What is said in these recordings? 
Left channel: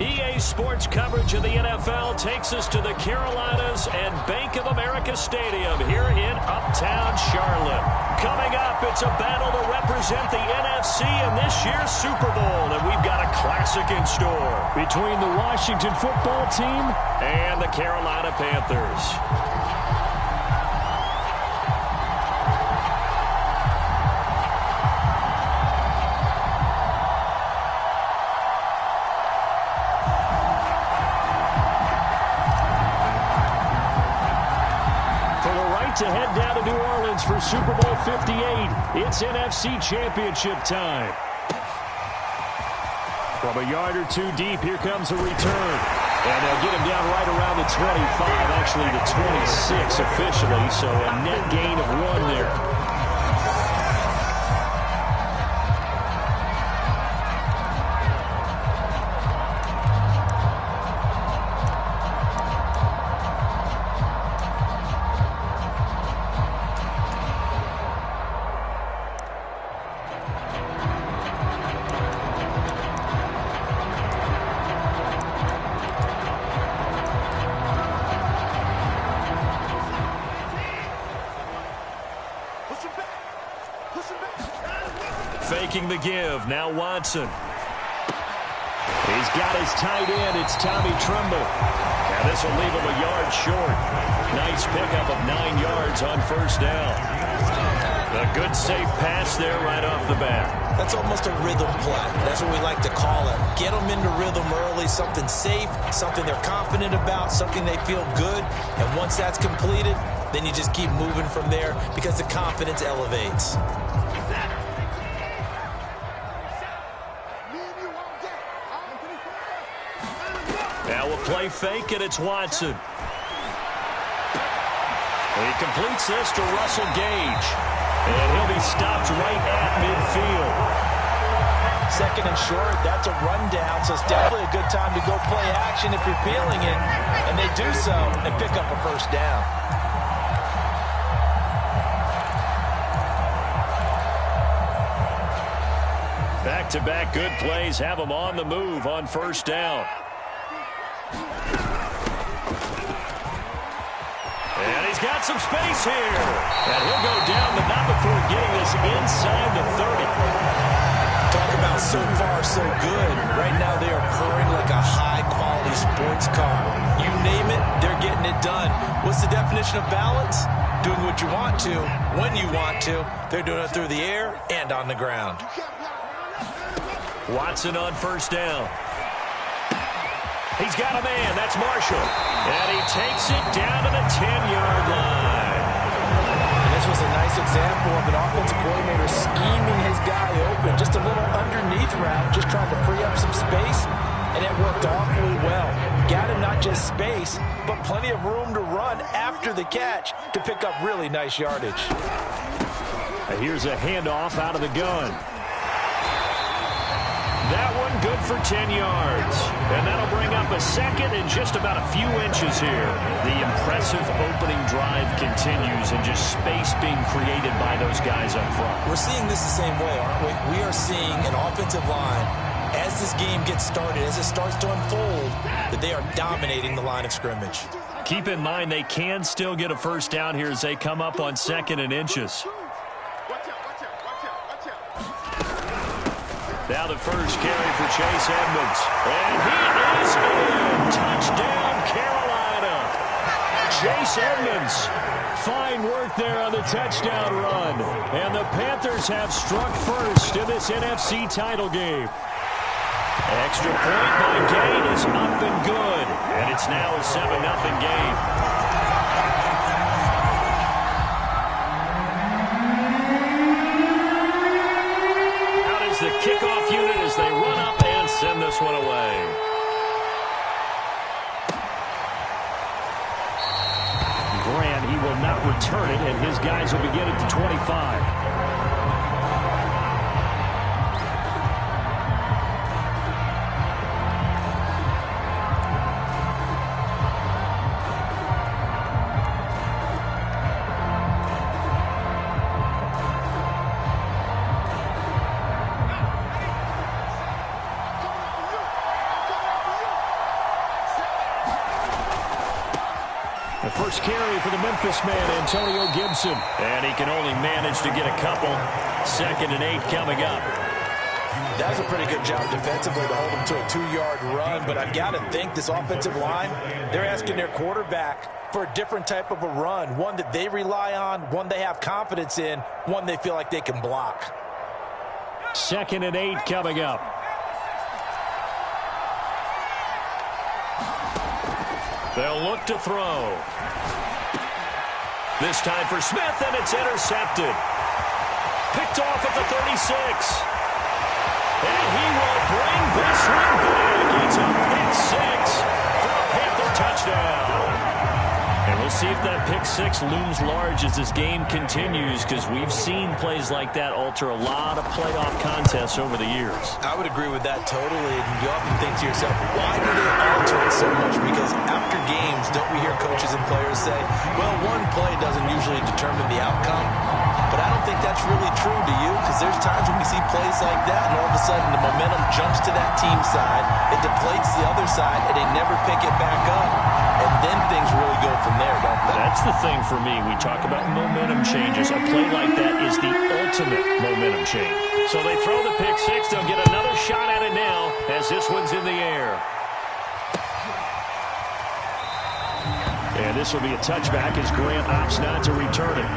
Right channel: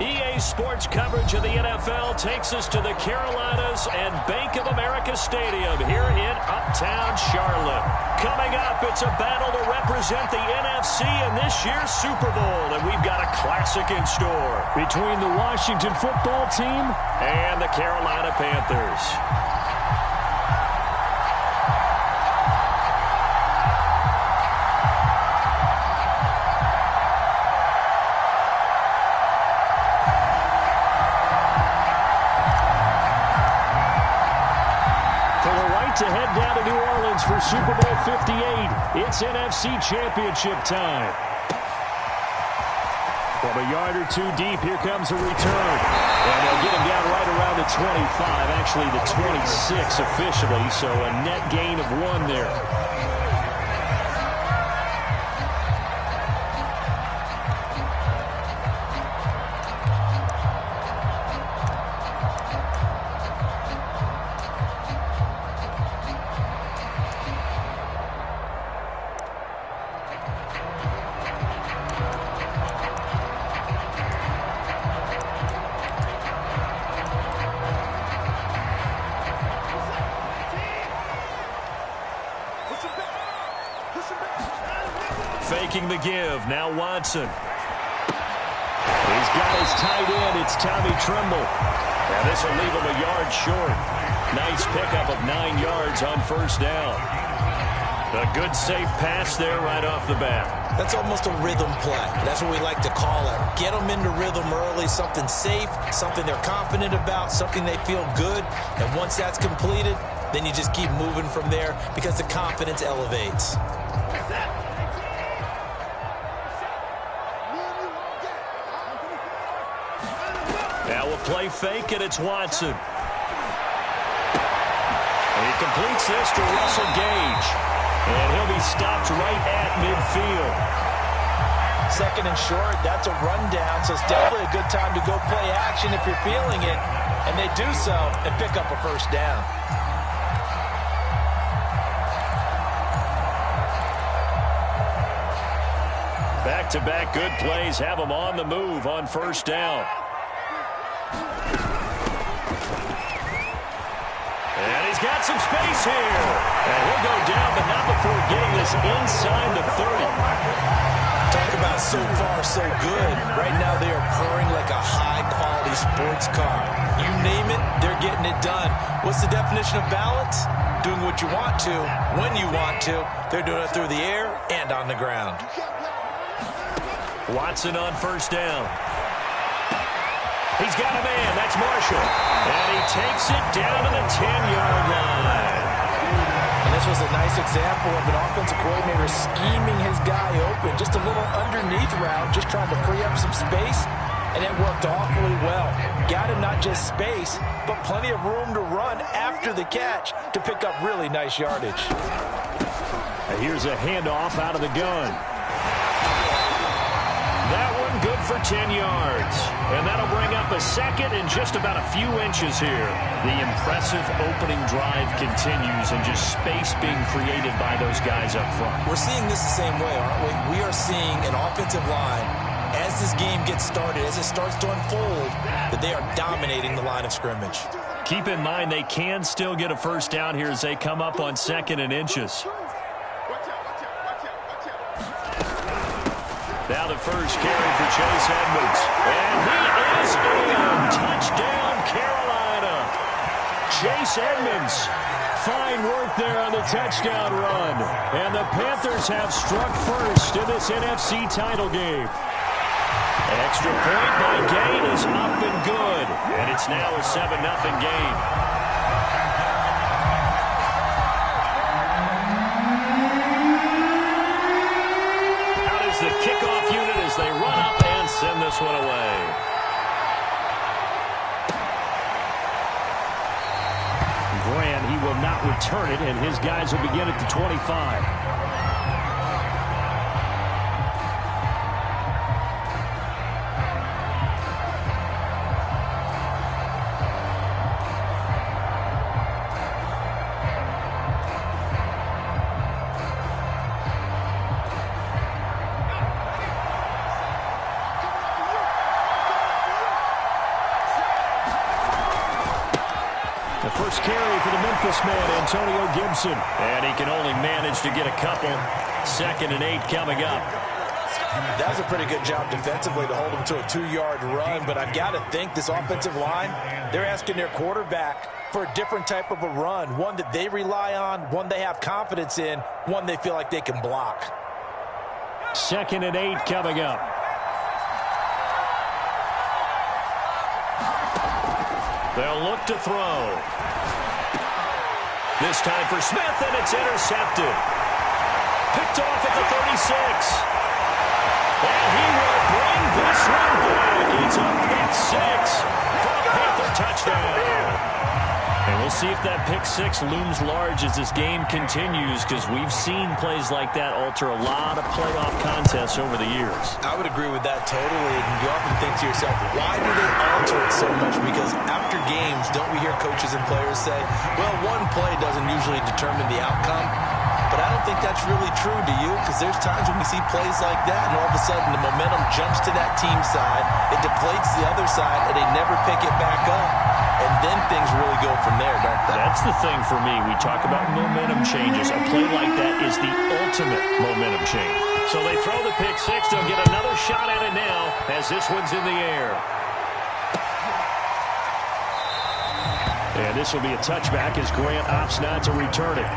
EA Sports coverage of the NFL takes us to the Carolinas and Bank of America Stadium here in Uptown Charlotte. Coming up, it's a battle to represent the NFC in this year's Super Bowl, and we've got a classic in store between the Washington football team and the Carolina Panthers. To head down to New Orleans for Super Bowl 58. It's NFC Championship time. From a yard or two deep, here comes a return. And they'll get him down right around the 25, actually the 26 officially, so a net gain of 1 there. Faking the give. Now Watson. He's got his tight end. It's Tommy Tremble. Now this will leave him a yard short. Nice pickup of 9 yards on first down. A good safe pass there right off the bat. That's almost a rhythm play. That's what we like to call it. Get them into rhythm early, something safe, something they're confident about, something they feel good. And once that's completed, then you just keep moving from there because the confidence elevates. Now we'll play fake, and it's Watson. He completes this to Russell Gage. And he'll be stopped right at midfield. Second and short, that's a rundown, so it's definitely a good time to go play action if you're feeling it. And they do so and pick up a first down. Back-to-back good plays have them on the move on first down. And he's got some space here. And he'll go down, but not before getting this inside the 30. Talk about so far, so good. Right now they are purring like a high-quality sports car. You name it, they're getting it done. What's the definition of balance? Doing what you want to, when you want to. They're doing it through the air and on the ground. Watson on first down. He's got a man. That's Marshall. And he takes it down to the 10-yard line. And this was a nice example of an offensive coordinator scheming his guy open. Just a little underneath route, just trying to free up some space, and it worked awfully well. Got him not just space, but plenty of room to run after the catch to pick up really nice yardage. And here's a handoff out of the gun. That one good for 10 yards. And that'll bring up a second and just about a few inches here. The impressive opening drive continues and just space being created by those guys up front. We're seeing this the same way, aren't we? We are seeing an offensive line, as this game gets started, as it starts to unfold, that they are dominating the line of scrimmage. Keep in mind they can still get a first down here as they come up on second and inches. Now the first carry for Chase Edmonds. And he is in. Touchdown, Carolina. Chase Edmonds. Fine work there on the touchdown run. And the Panthers have struck first in this NFC title game. Extra point by Gate is up and good. And it's now a 7-0 game. The kickoff unit as they run up and send this one away. Grant, he will not return it, and his guys will begin at the 25. The first carry for the Memphis man, Antonio Gibson. And he can only manage to get a couple. 2nd and 8 coming up. That was a pretty good job defensively to hold him to a 2-yard run, but I've got to think this offensive line, they're asking their quarterback for a different type of a run, one that they rely on, one they have confidence in, one they feel like they can block. 2nd and 8 coming up. They'll look to throw. This time for Smith, and it's intercepted. Picked off at the 36. And he will bring this one back. It's a pick 6 for a Panther touchdown. And we'll see if that pick 6 looms large as this game continues, because we've seen plays like that alter a lot of playoff contests over the years. I would agree with that totally. And you often think to yourself, why do they alter it so much? Because after games, don't we hear coaches and players say, well, one play doesn't usually determine the outcome? But I don't think that's really true, do you? Because there's times when we see plays like that, and all of a sudden the momentum jumps to that team side, it deflates the other side, and they never pick it back up. And then things really go from there, don't they? That's the thing for me. We talk about momentum changes. A play like that is the ultimate momentum change. So they throw the pick 6. They'll get another shot at it now as this one's in the air. And this will be a touchback as Grant opts not to return it.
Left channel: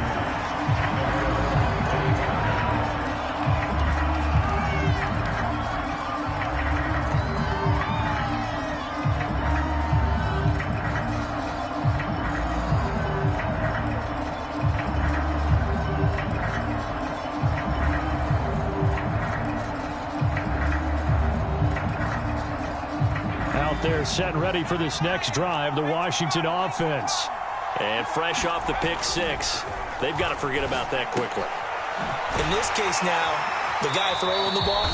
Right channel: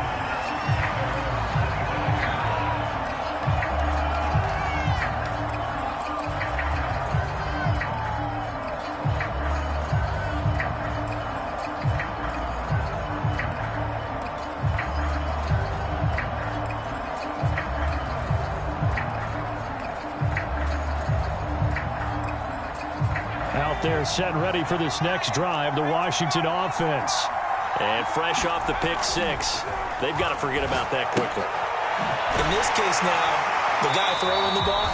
They're set and ready for this next drive, the Washington offense. And fresh off the pick 6, they've got to forget about that quickly. In this case now, the guy throwing the ball,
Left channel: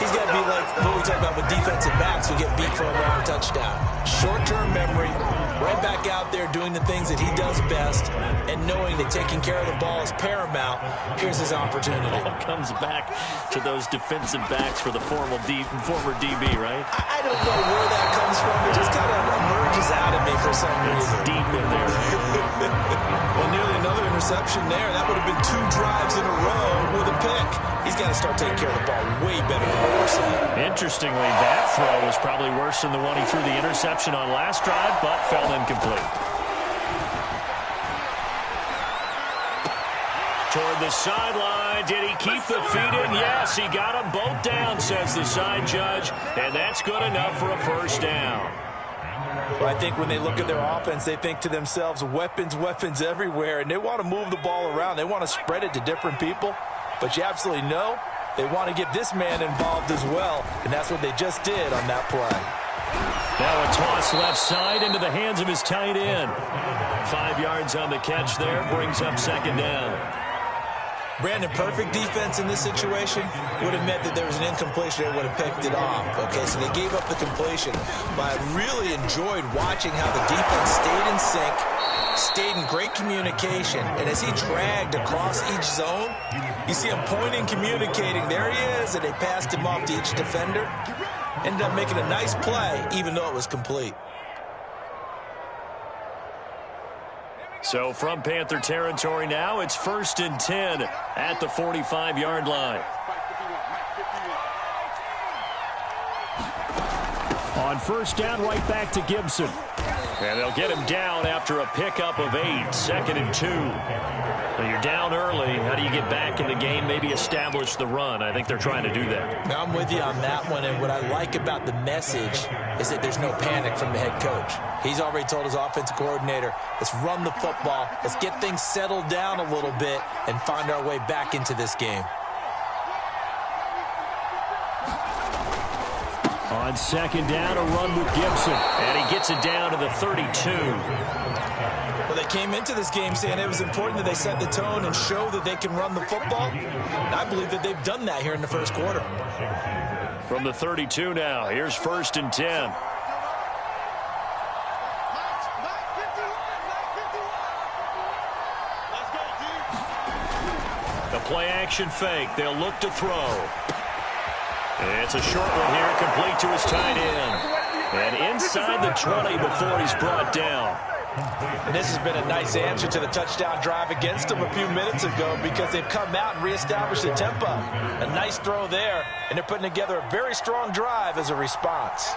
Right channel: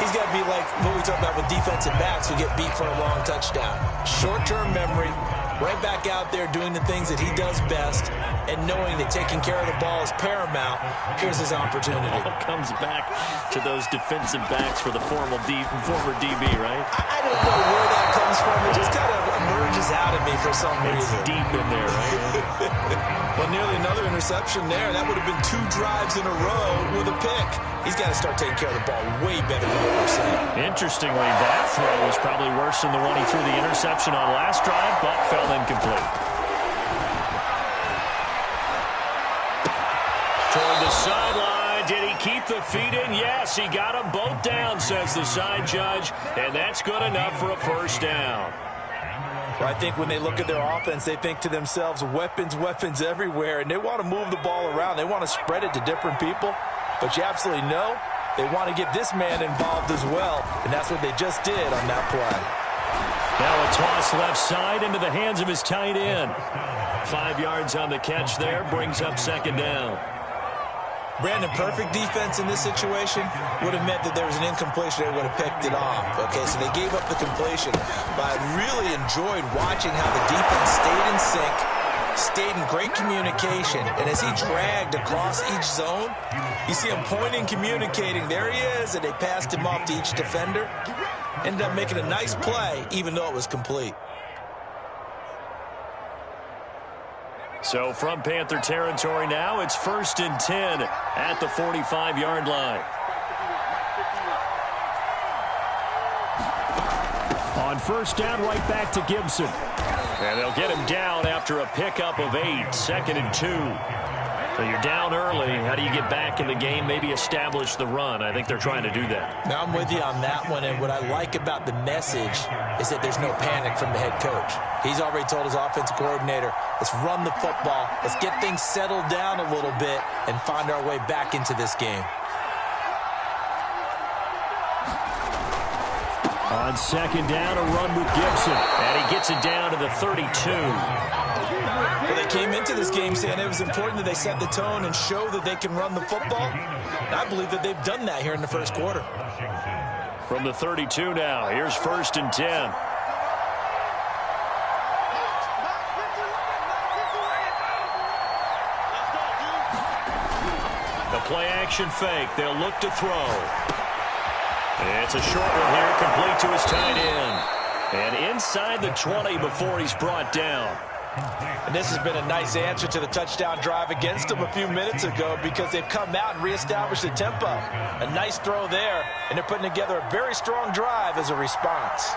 he's got to be like what we talk about with defensive backs who get beat for a long touchdown. Short-term memory, right back out there doing the things that he does best, and knowing that taking care of the ball is paramount. Here's his opportunity. It all comes back to those defensive backs for the former DB, right? I don't know where that comes from. It just kind of emerges out of me for some reason. It's deep in there, right? Well, nearly another interception there. That would have been 2 drives in a row with a pick. He's got to start taking care of the ball way better than what we're seeing. Interestingly, that throw was probably worse than the one he threw the interception on last drive, but fell incomplete. Toward the sideline. Did he keep the feet in? Yes, he got them both down, says the side judge, and that's good enough for a first down. Well, I think when they look at their offense, they think to themselves, weapons, weapons everywhere, and they want to move the ball around. They want to spread it to different people, but you absolutely know they want to get this man involved as well, and that's what they just did on that play. Now a toss left side into the hands of his tight end. 5 yards on the catch there, brings up 2nd down. Brandon, perfect defense in this situation would have meant that there was an incompletion. They would have picked it off. Okay, so they gave up the completion. But I really enjoyed watching how the defense stayed in sync, stayed in great communication. And as he dragged across each zone, you see him pointing, communicating. There he is, and they passed him off to each defender. Ended up making a nice play, even though it was complete. So from Panther territory now, it's 1st and 10 at the 45-yard line. On 1st down, right back to Gibson. And they'll get him down after a pickup of 8, 2nd and 2. So you're down early. How do you get back in the game, maybe establish the run? I think they're trying to do that. Now, I'm with you on that one, and what I like about the message is that there's no panic from the head coach. He's already told his offensive coordinator, let's run the football, let's get things settled down a little bit and find our way back into this game. On 2nd down, a run with Gibson, and he gets it down to the 32. Well, they came into this game saying it was important that they set the tone and show that they can run the football. And I believe that they've done that here in the first quarter. From the 32 now, here's 1st and 10. The play action fake. They'll look to throw. It's a short one here, complete to his tight end. And inside the 20 before he's brought down. And this has been a nice answer to the touchdown drive against them a few minutes ago because they've come out and reestablished the tempo. A nice throw there, and they're putting together a very strong drive as a response.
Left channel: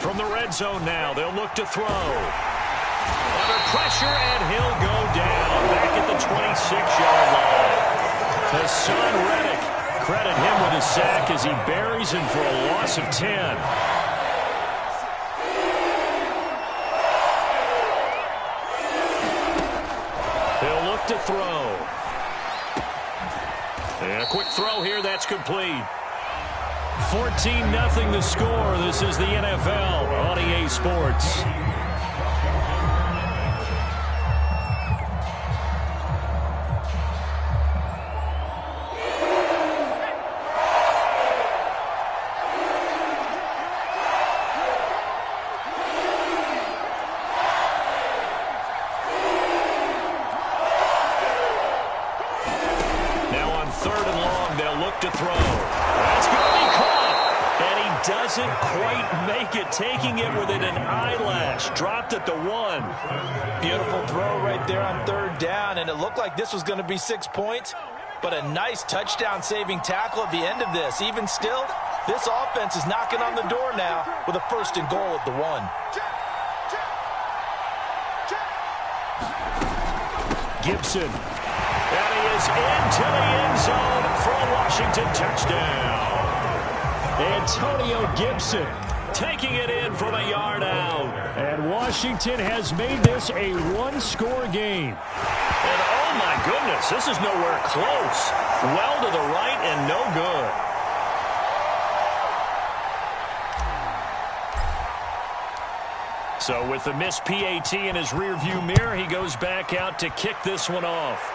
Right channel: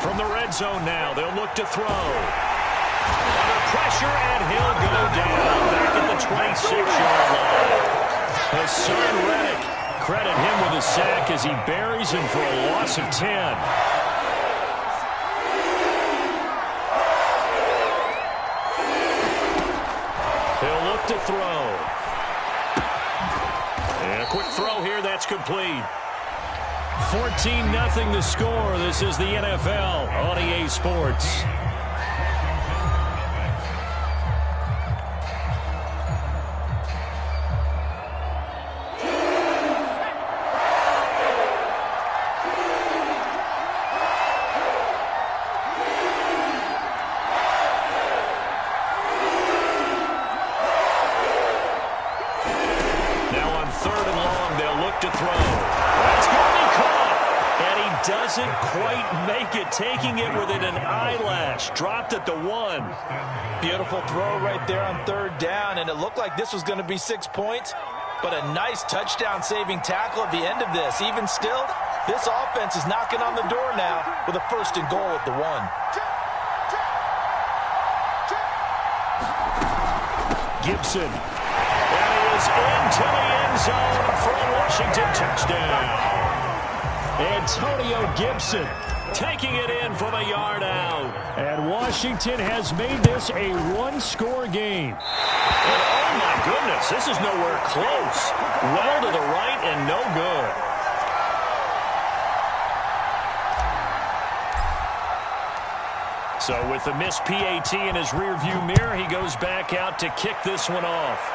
From the red zone now, they'll look to throw. Under pressure, and he'll go down back at the 26-yard line. Hassan Reddick, credit him with a sack as he buries him for a loss of 10. He'll look to throw. And a quick throw here, that's complete. 14-0 the score. This is the NFL on EA Sports. Now on 3rd and long, they'll look to throw. That's going to be caught. And he doesn't quite make it, taking it within an eyelash. Dropped at the 1. Beautiful throw right there on 3rd down, and it looked like this was going to be 6 points, but a nice touchdown-saving tackle at the end of this. Even still, this offense is knocking on the door now with a 1st and goal at the 1. Gibson. And he is into the end zone for a Washington touchdown. Antonio Gibson taking it in from a yard out. And Washington has made this a one-score game. And oh my goodness, this is nowhere close. Well to the right and no good. So with the missed PAT in his rearview mirror, he goes back out to kick this one off.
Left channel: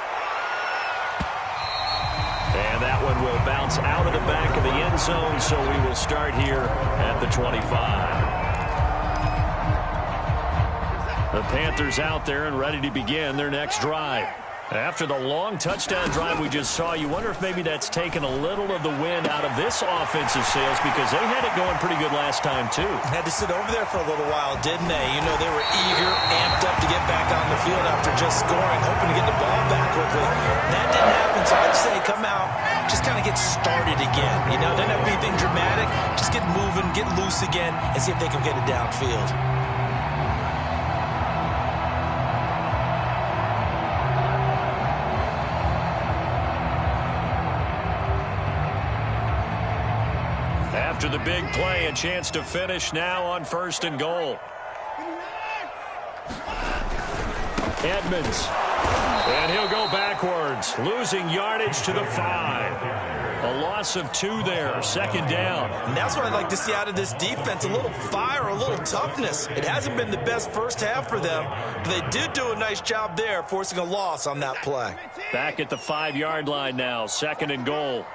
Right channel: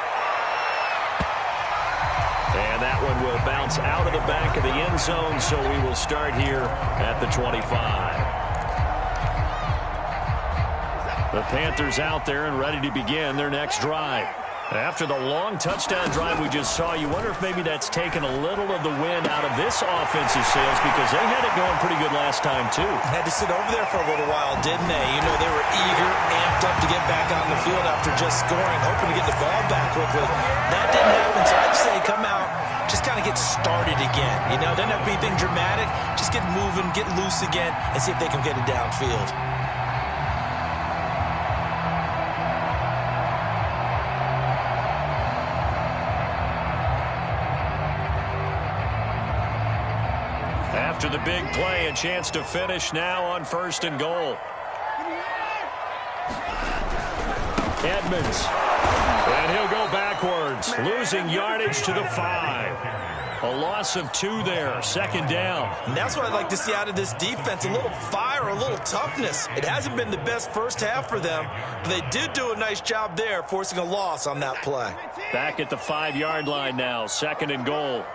And that one will bounce out of the back of the end zone, so we will start here at the 25. The Panthers out there and ready to begin their next drive. After the long touchdown drive we just saw, you wonder if maybe that's taken a little of the wind out of this offensive sails because they had it going pretty good last time, too. Had to sit over there for a little while, didn't they? You know, they were eager, amped up to get back on the field after just scoring, hoping to get the ball back quickly. That didn't happen, so I'd say come out, just kind of get started again. You know, doesn't have to be anything dramatic. Just get moving, get loose again, and see if they can get it downfield. After the big play, a chance to finish now on 1st and goal. Edmonds. And he'll go backwards, losing yardage to the 5. A loss of 2 there, 2nd down. And that's what I'd like to see out of this defense, a little fire, a little toughness. It hasn't been the best first half for them, but they did do a nice job there, forcing a loss on that play. Back at the 5-yard line now, 2nd and goal.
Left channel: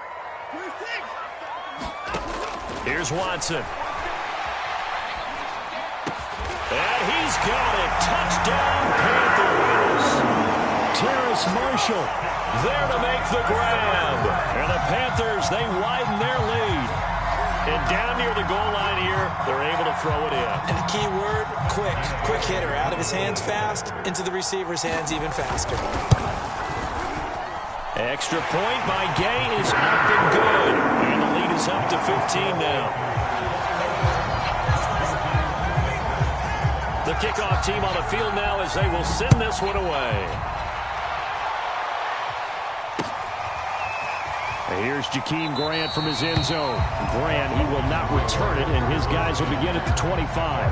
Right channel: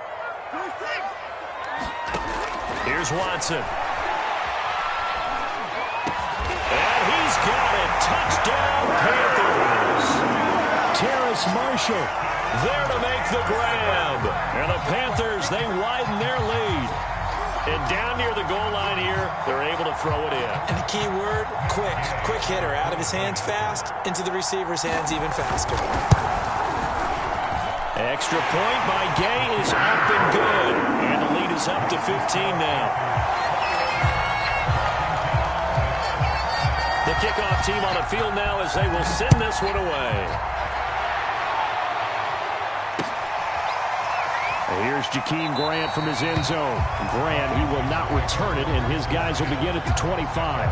Here's Watson. And he's got it. Touchdown, Panthers. Terrace Marshall there to make the grab. And the Panthers, they widen their lead. And down near the goal line here, they're able to throw it in. And the key word, quick. Quick hitter. Out of his hands fast, into the receiver's hands even faster. Extra point by Gay is up and good. And the lead is up to 15 now. The kickoff team on the field now as they will send this one away. Here's Jakeem Grant from his end zone. Grant, he will not return it, and his guys will begin at the 25.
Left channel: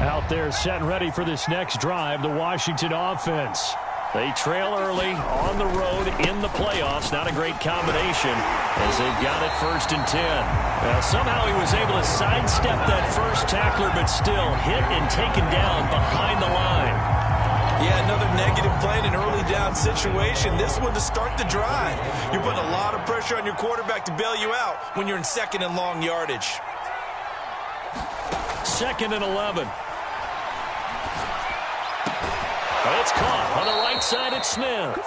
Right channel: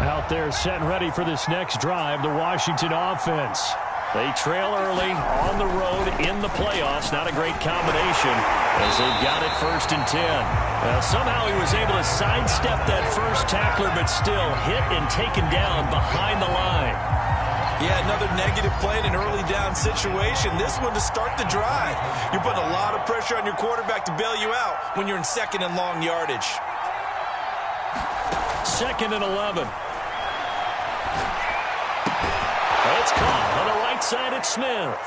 Out there set and ready for this next drive, the Washington offense. They trail early on the road in the playoffs. Not a great combination as they've got it 1st and 10. Now, somehow he was able to sidestep that first tackler, but still hit and taken down behind the line. Yeah, another negative play in an early down situation. This one to start the drive. You're putting a lot of pressure on your quarterback to bail you out when you're in second and long yardage. 2nd and 11. It's caught on the right side at Smith.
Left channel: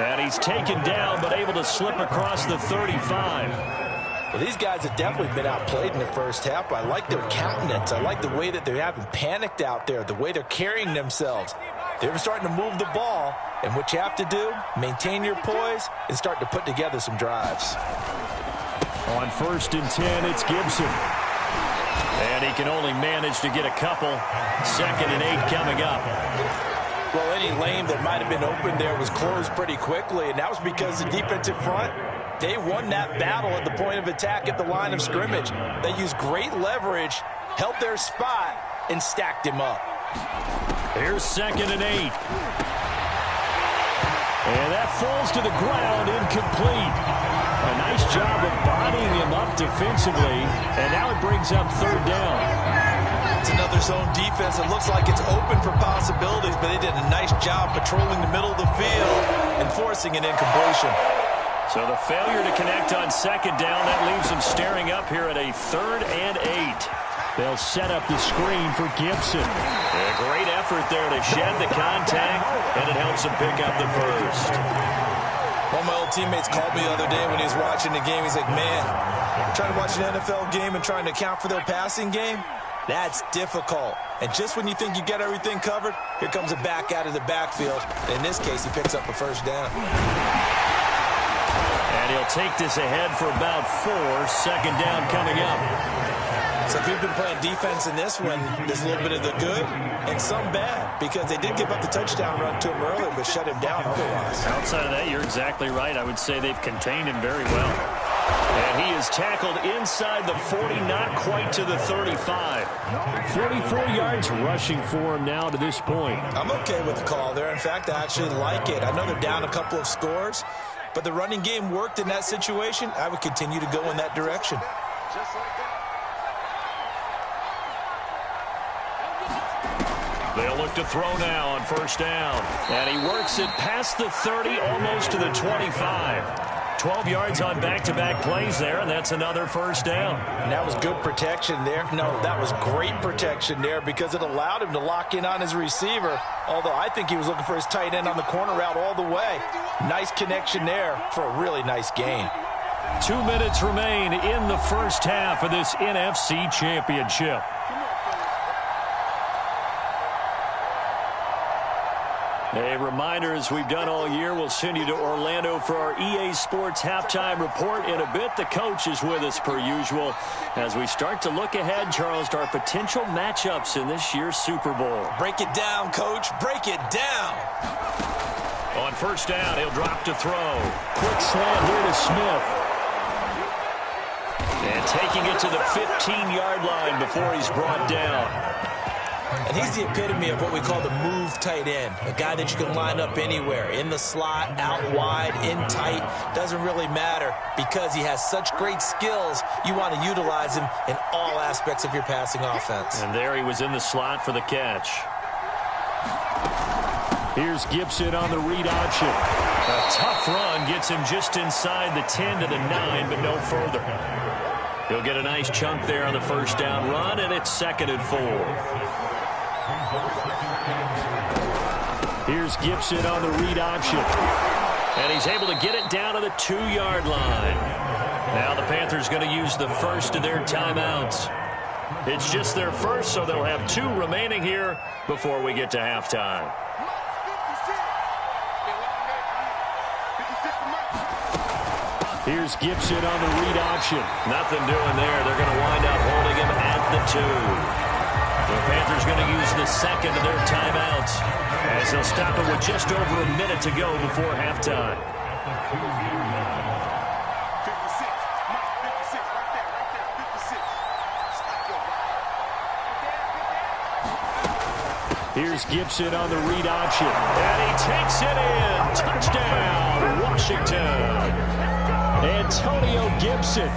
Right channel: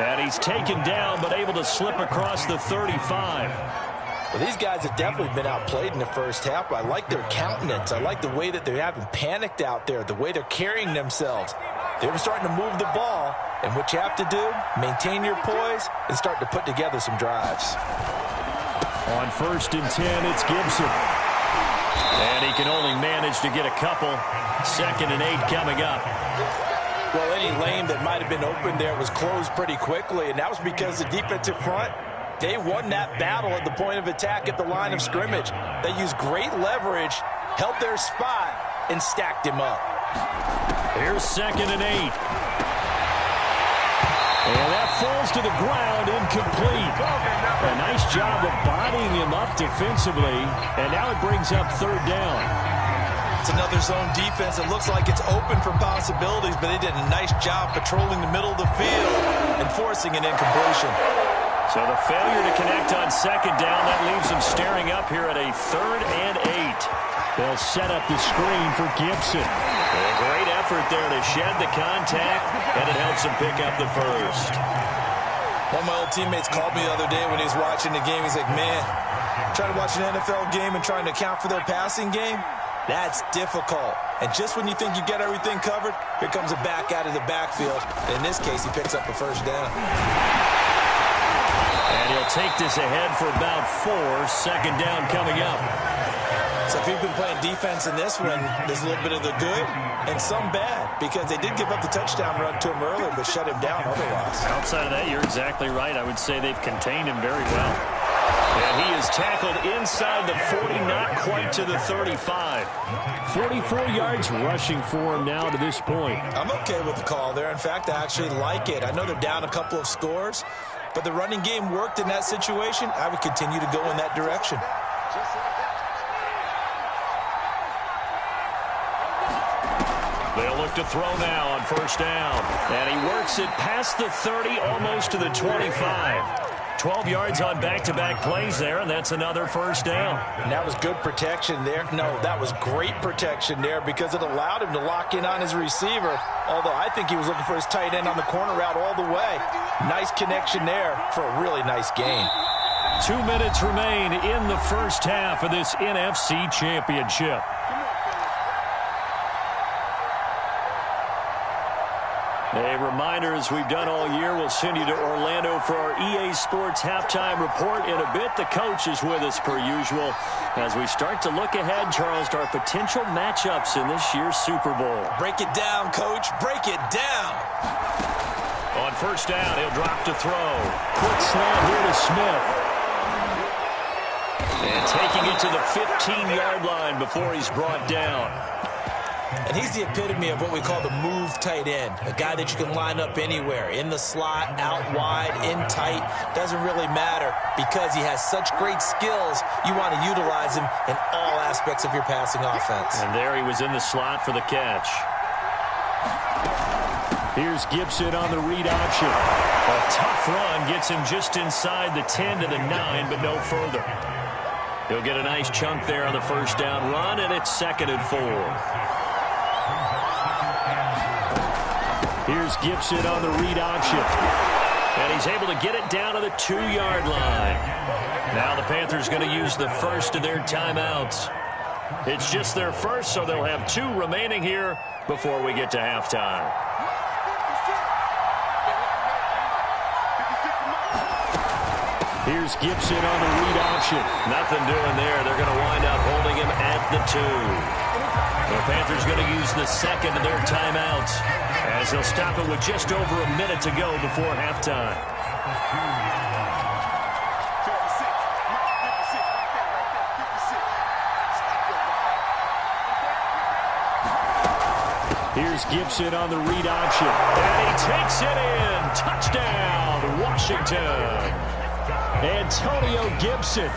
And he's taken down but able to slip across the 35. Well, these guys have definitely been outplayed in the first half. I like their countenance. I like the way that they haven't panicked out there, the way they're carrying themselves. They're starting to move the ball, and what you have to do, maintain your poise and start to put together some drives. On 1st and 10, it's Gibson. And he can only manage to get a couple. 2nd and 8 coming up. Well, any lane that might have been open there was closed pretty quickly, and that was because the defensive front, they won that battle at the point of attack at the line of scrimmage. They used great leverage, held their spot, and stacked him up. Here's 2nd and 8. And that falls to the ground, incomplete. A nice job of bodying him up defensively, and now it brings up 3rd down. It's another zone defense. It looks like it's open for possibilities, but they did a nice job patrolling the middle of the field and forcing an incompletion. So the failure to connect on 2nd down, that leaves them staring up here at a 3rd and 8. They'll set up the screen for Gibson. A great effort there to shed the contact, and it helps him pick up the first. One of my old teammates called me the other day when he was watching the game. He's like, man, trying to watch an NFL game and trying to account for their passing game? That's difficult. And just when you think you get everything covered, here comes a back out of the backfield. And in this case, he picks up a 1st down. And he'll take this ahead for about 4. 2nd down coming up. So if you've been playing defense in this one, there's a little bit of the good and some bad, because they did give up the touchdown run to him earlier, but shut him down otherwise. Outside of that, you're exactly right. I would say they've contained him very well. And he is tackled inside the 40, not quite to the 35. 44 yards rushing for him now to this point. I'm okay with the call there. In fact, I actually like it. I know they're down a couple of scores, but the running game worked in that situation. I would continue to go in that direction. Just like that. They'll look to throw now on 1st down. And he works it past the 30, almost to the 25. 12 yards on back-to-back plays there, and that's another 1st down. And that was good protection there. No, that was great protection there because it allowed him to lock in on his receiver, although I think he was looking for his tight end on the corner route all the way. Nice connection there for a really nice gain. 2 minutes remain in the first half of this NFC Championship. A reminder, as we've done all year, we'll send you to Orlando for our EA Sports halftime report in a bit. The coach is with us per usual as we start to look ahead, Charles, to our potential matchups in this year's Super Bowl. Break it down, Coach. Break it down. On 1st down, he'll drop to throw. Quick slant here to Smith. And taking it to the 15-yard line before he's brought down. And he's the epitome of what we call the move tight end, a guy that you can line up anywhere, in the slot, out wide, in tight, doesn't really matter because he has such great skills. You want to utilize him in all aspects of your passing offense. And there he was in the slot for the catch. Here's Gibson on the read option. A tough run gets him just inside the 10 to the 9, but no further. He'll get a nice chunk there on the 1st down run, and it's 2nd and 4. Here's Gibson on the read option. And he's able to get it down to the 2-yard line. Now the Panthers going to use the first of their timeouts. It's just their first, so they'll have 2 remaining here before we get to halftime. Here's Gibson on the read option. Nothing doing there. They're going to wind up holding him at the 2. The Panthers going to use the second of their timeouts as they'll stop it with just over a minute to go before halftime. 56. Mike, 56. Right there. 56. Stop your Here's Gibson on the read option. And he takes it in. Touchdown, Washington. Antonio Gibson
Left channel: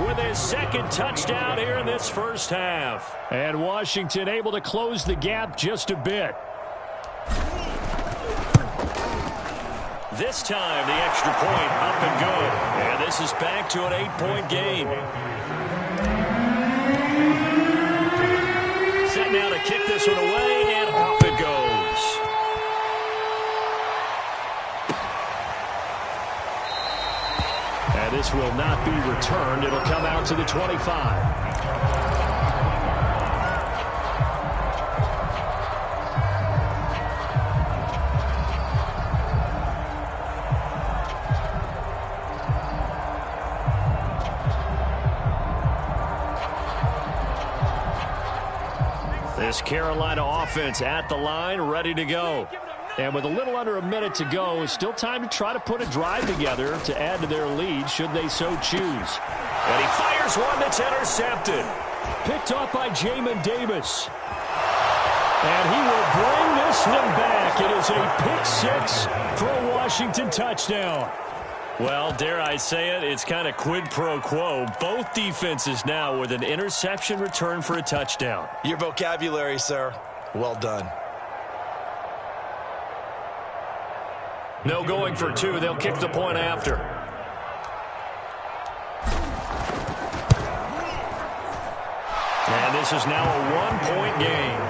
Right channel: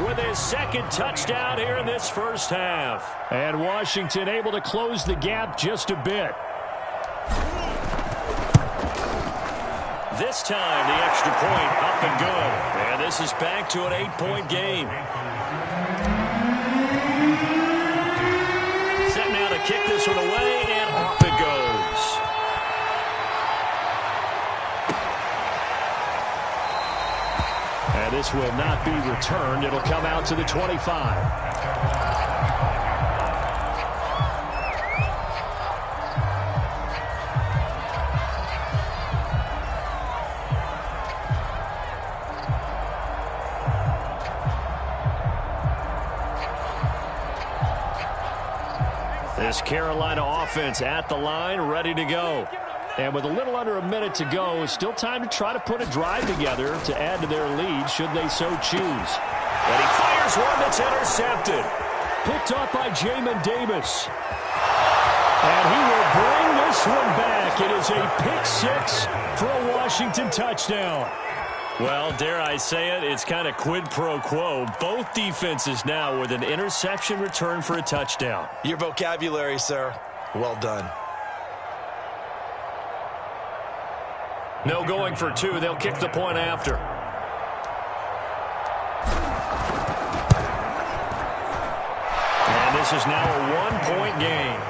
with his 2nd touchdown here in this first half. And Washington able to close the gap just a bit. This time, the extra point up and good. And this is back to an 8-point game. Set now to kick this one away, and off it goes. And this will not be returned. It'll come out to the 25. This Carolina offense at the line, ready to go. And with a little under a minute to go, still time to try to put a drive together to add to their lead should they so choose. And he fires one that's intercepted. Picked off by Jamin Davis. And he will bring this one back. It is a pick six for a Washington touchdown. Well, dare I say it, it's kind of quid pro quo. Both defenses now with an interception return for a touchdown. Your vocabulary, sir. Well done. No going for two. They'll kick the point after. And this is now a one-point game.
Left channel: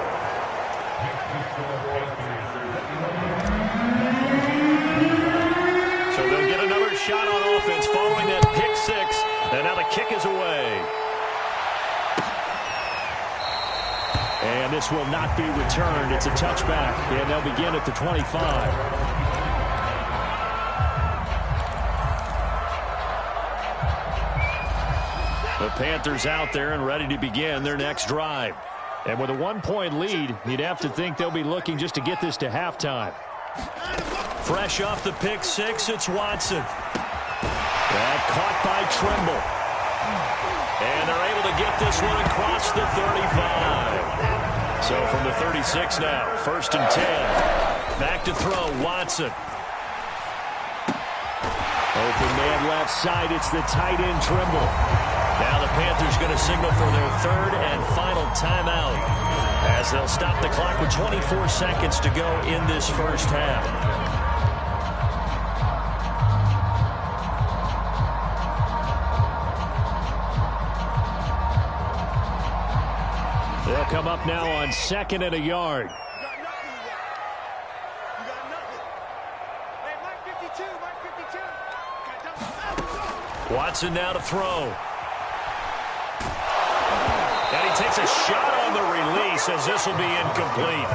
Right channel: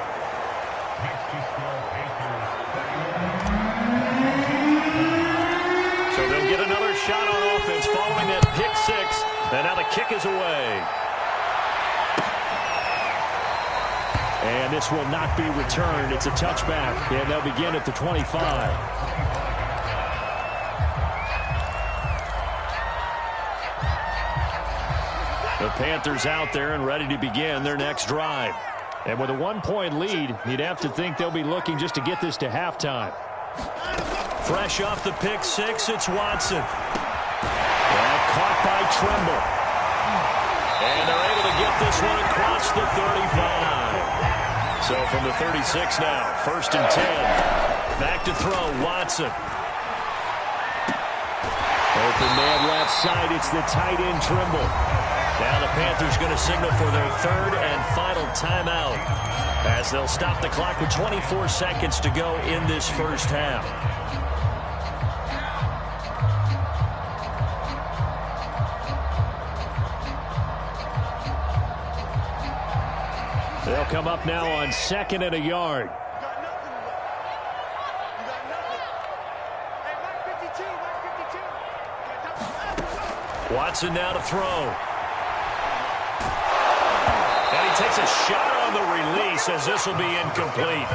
So they'll get another shot on offense following that pick six. And now the kick is away. And this will not be returned. It's a touchback. And they'll begin at the 25. The Panthers out there and ready to begin their next drive. And with a one-point lead, you'd have to think they'll be looking just to get this to halftime. Fresh off the pick six, it's Watson. That caught by Tremble. And they're able to get this one across the 35. So from the 36 now, 1st and 10. Back to throw, Watson. Open man left side, it's the tight end Tremble. Now the Panthers going to signal for their third and final timeout as they'll stop the clock with 24 seconds to go in this first half. They'll come up now on 2nd and a yard. You got nothing yet. You got nothing. Hey, Mike 52, Mike 52. Watson now to throw. And he takes a shot on the release as this will be incomplete.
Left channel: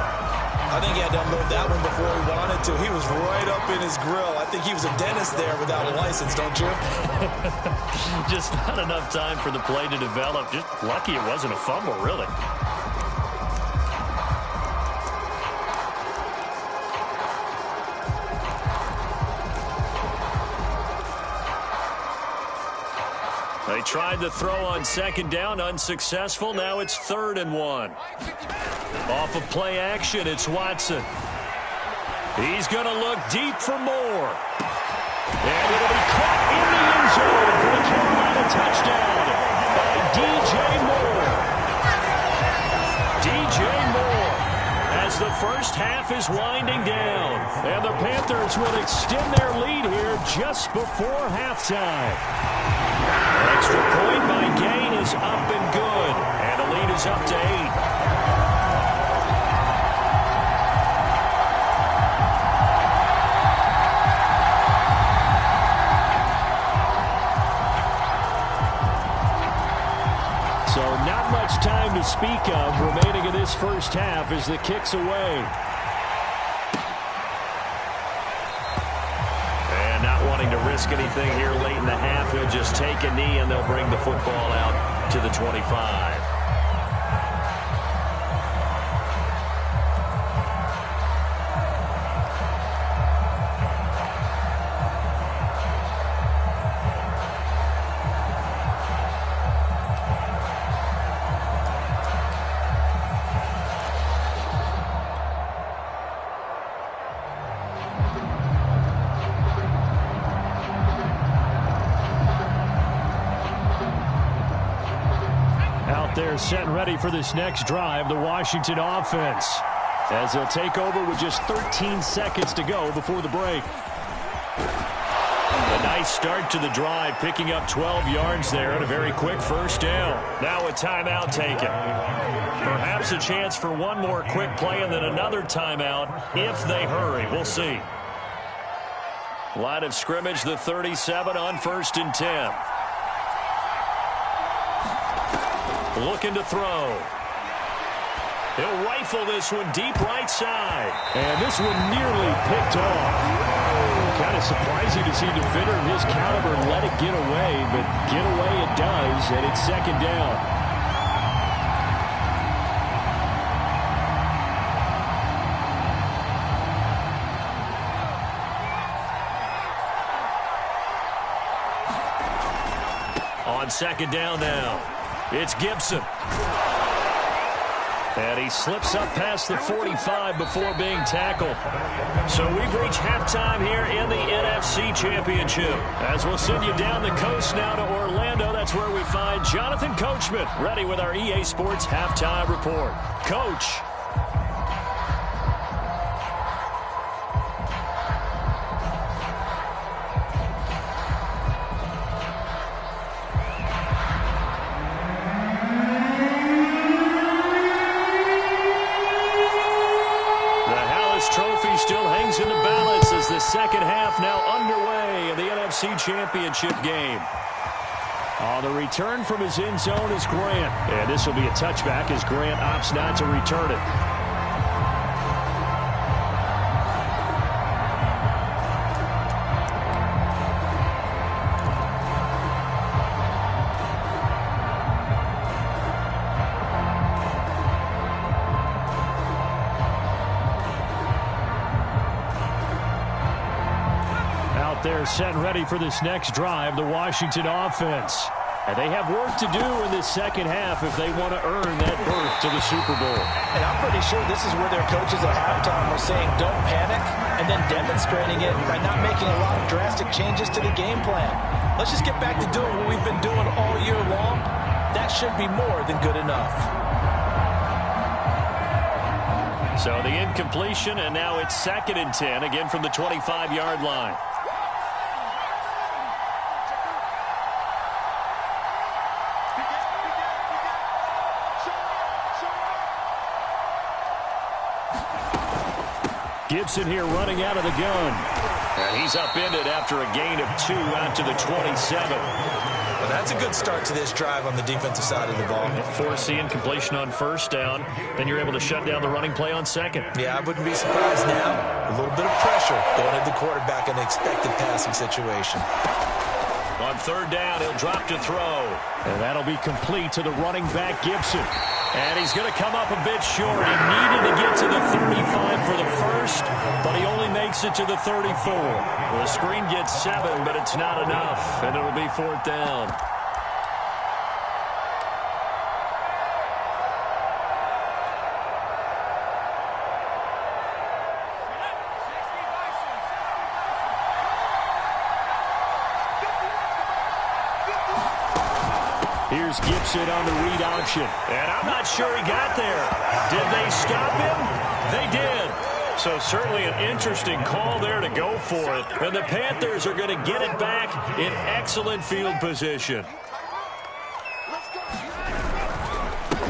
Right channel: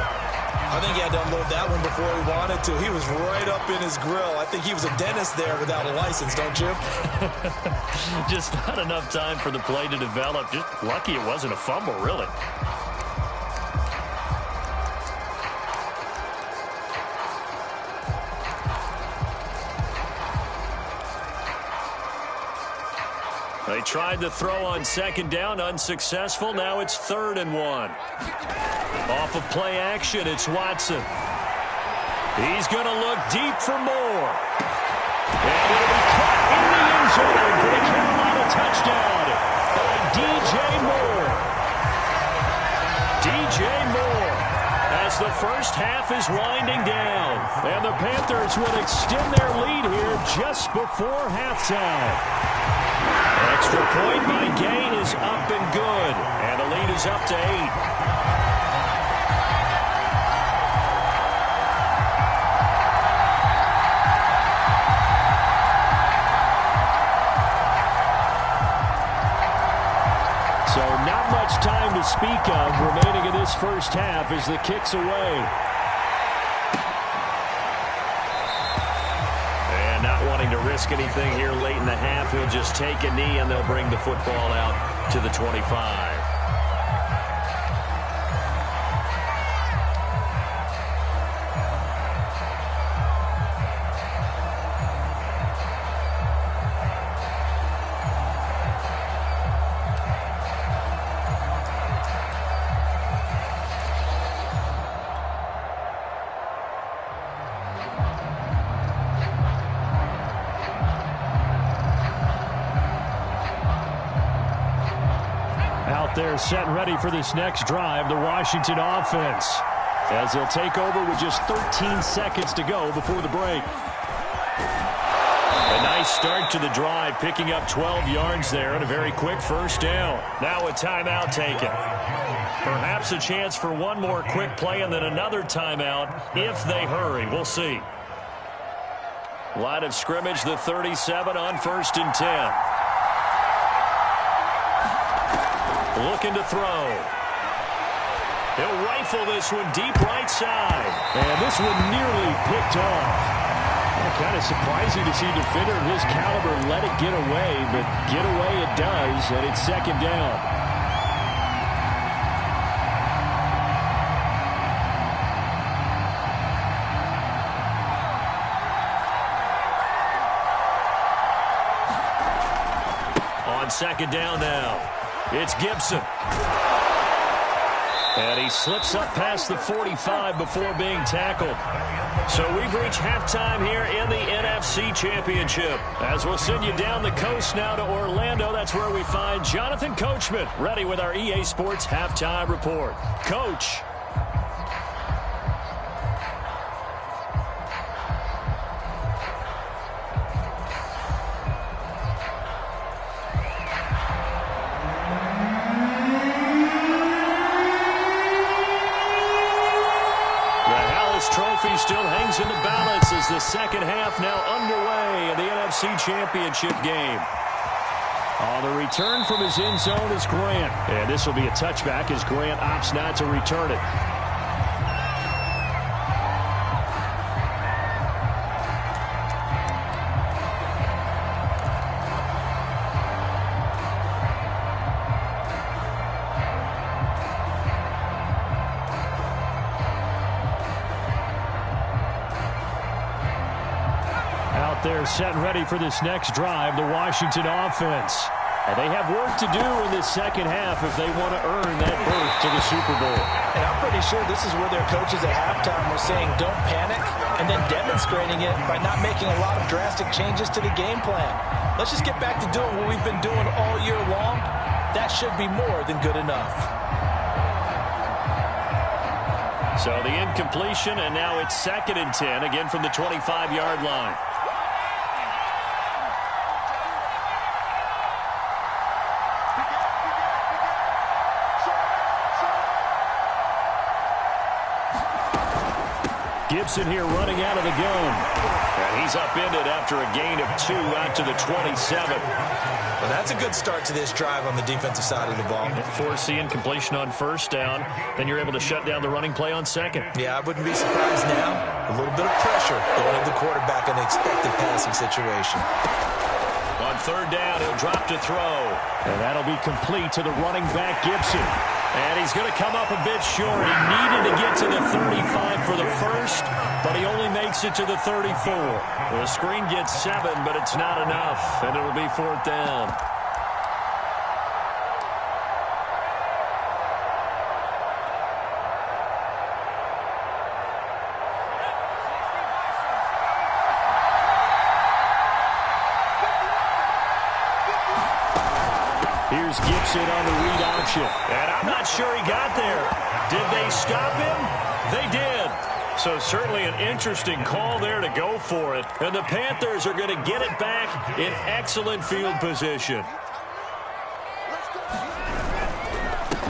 I think he had to unload that one before he wanted to. He was right up in his grill. I think he was a dentist there without a license, don't you? Just not enough time for the play to develop. Just lucky it wasn't a fumble, really. They tried to throw on 2nd down, unsuccessful. Now it's 3rd and 1. Off of play action, it's Watson. He's going to look deep for more. And it'll be caught in the end zone for the Carolina touchdown by DJ Moore. DJ Moore as the first half is winding down. And the Panthers will extend their lead here just before halftime. Extra point by Gain is up and good. And the lead is up to 8. So not much time to speak of remaining in this first half as the kick's away. And not wanting to risk anything here late in the half, he'll just take a knee and they'll bring the football out to the 25. Out there set and ready for this next drive, the Washington offense, as they'll take over with just 13 seconds to go before the break. A nice start to the drive, picking up 12 yards there and a very quick first down. Now a timeout taken. Perhaps a chance for one more quick play and then another timeout if they hurry. We'll see. Line of scrimmage, the 37 on 1st and 10. Looking to throw. He'll rifle this one deep right side. And this one nearly picked off. Kind of surprising to see a defender of his caliber let it get away, but get away it does, and it's 2nd down. On 2nd down now, it's Gibson. And he slips up past the 45 before being tackled. So we've reached halftime here in the NFC Championship. As we'll send you down the coast now to Orlando, that's where we find Jonathan Coachman, ready with our EA Sports Halftime Report. Coach. Trophy still hangs in the balance as the second half now underway in the NFC Championship game. On the return from his end zone is Grant. And this will be a touchback as Grant opts not to return it. They're set and ready for this next drive, the Washington offense. And they have work to do in this second half if they want to earn that berth to the Super Bowl. And I'm pretty sure this is where their coaches at halftime were saying don't panic and then demonstrating it by not making a lot of drastic changes to the game plan. Let's just get back to doing what we've been doing all year long. That should be more than good enough. So the incompletion, and now it's 2nd and 10, again from the 25-yard line. Gibson here running out of the gun. And he's upended after a gain of 2 out to the 27. Well, that's a good start to this drive on the defensive side of the ball. Forcing completion on 1st down. Then you're able to shut down the running play on 2nd. Yeah, I wouldn't be surprised now. A little bit of pressure going at the quarterback in an expected passing situation. On 3rd down, he'll drop to throw. And that'll be complete to the running back, Gibson. And he's going to come up a bit short. He needed to get to the 35 for the first, but he only makes it to the 34. Well, the screen gets 7, but it's not enough, and it'll be 4th down. Here's Gibson on the read option. And I'm not sure he got there. Did they stop him? They did. So certainly an interesting call there to go for it. And the Panthers are going to get it back in excellent field position.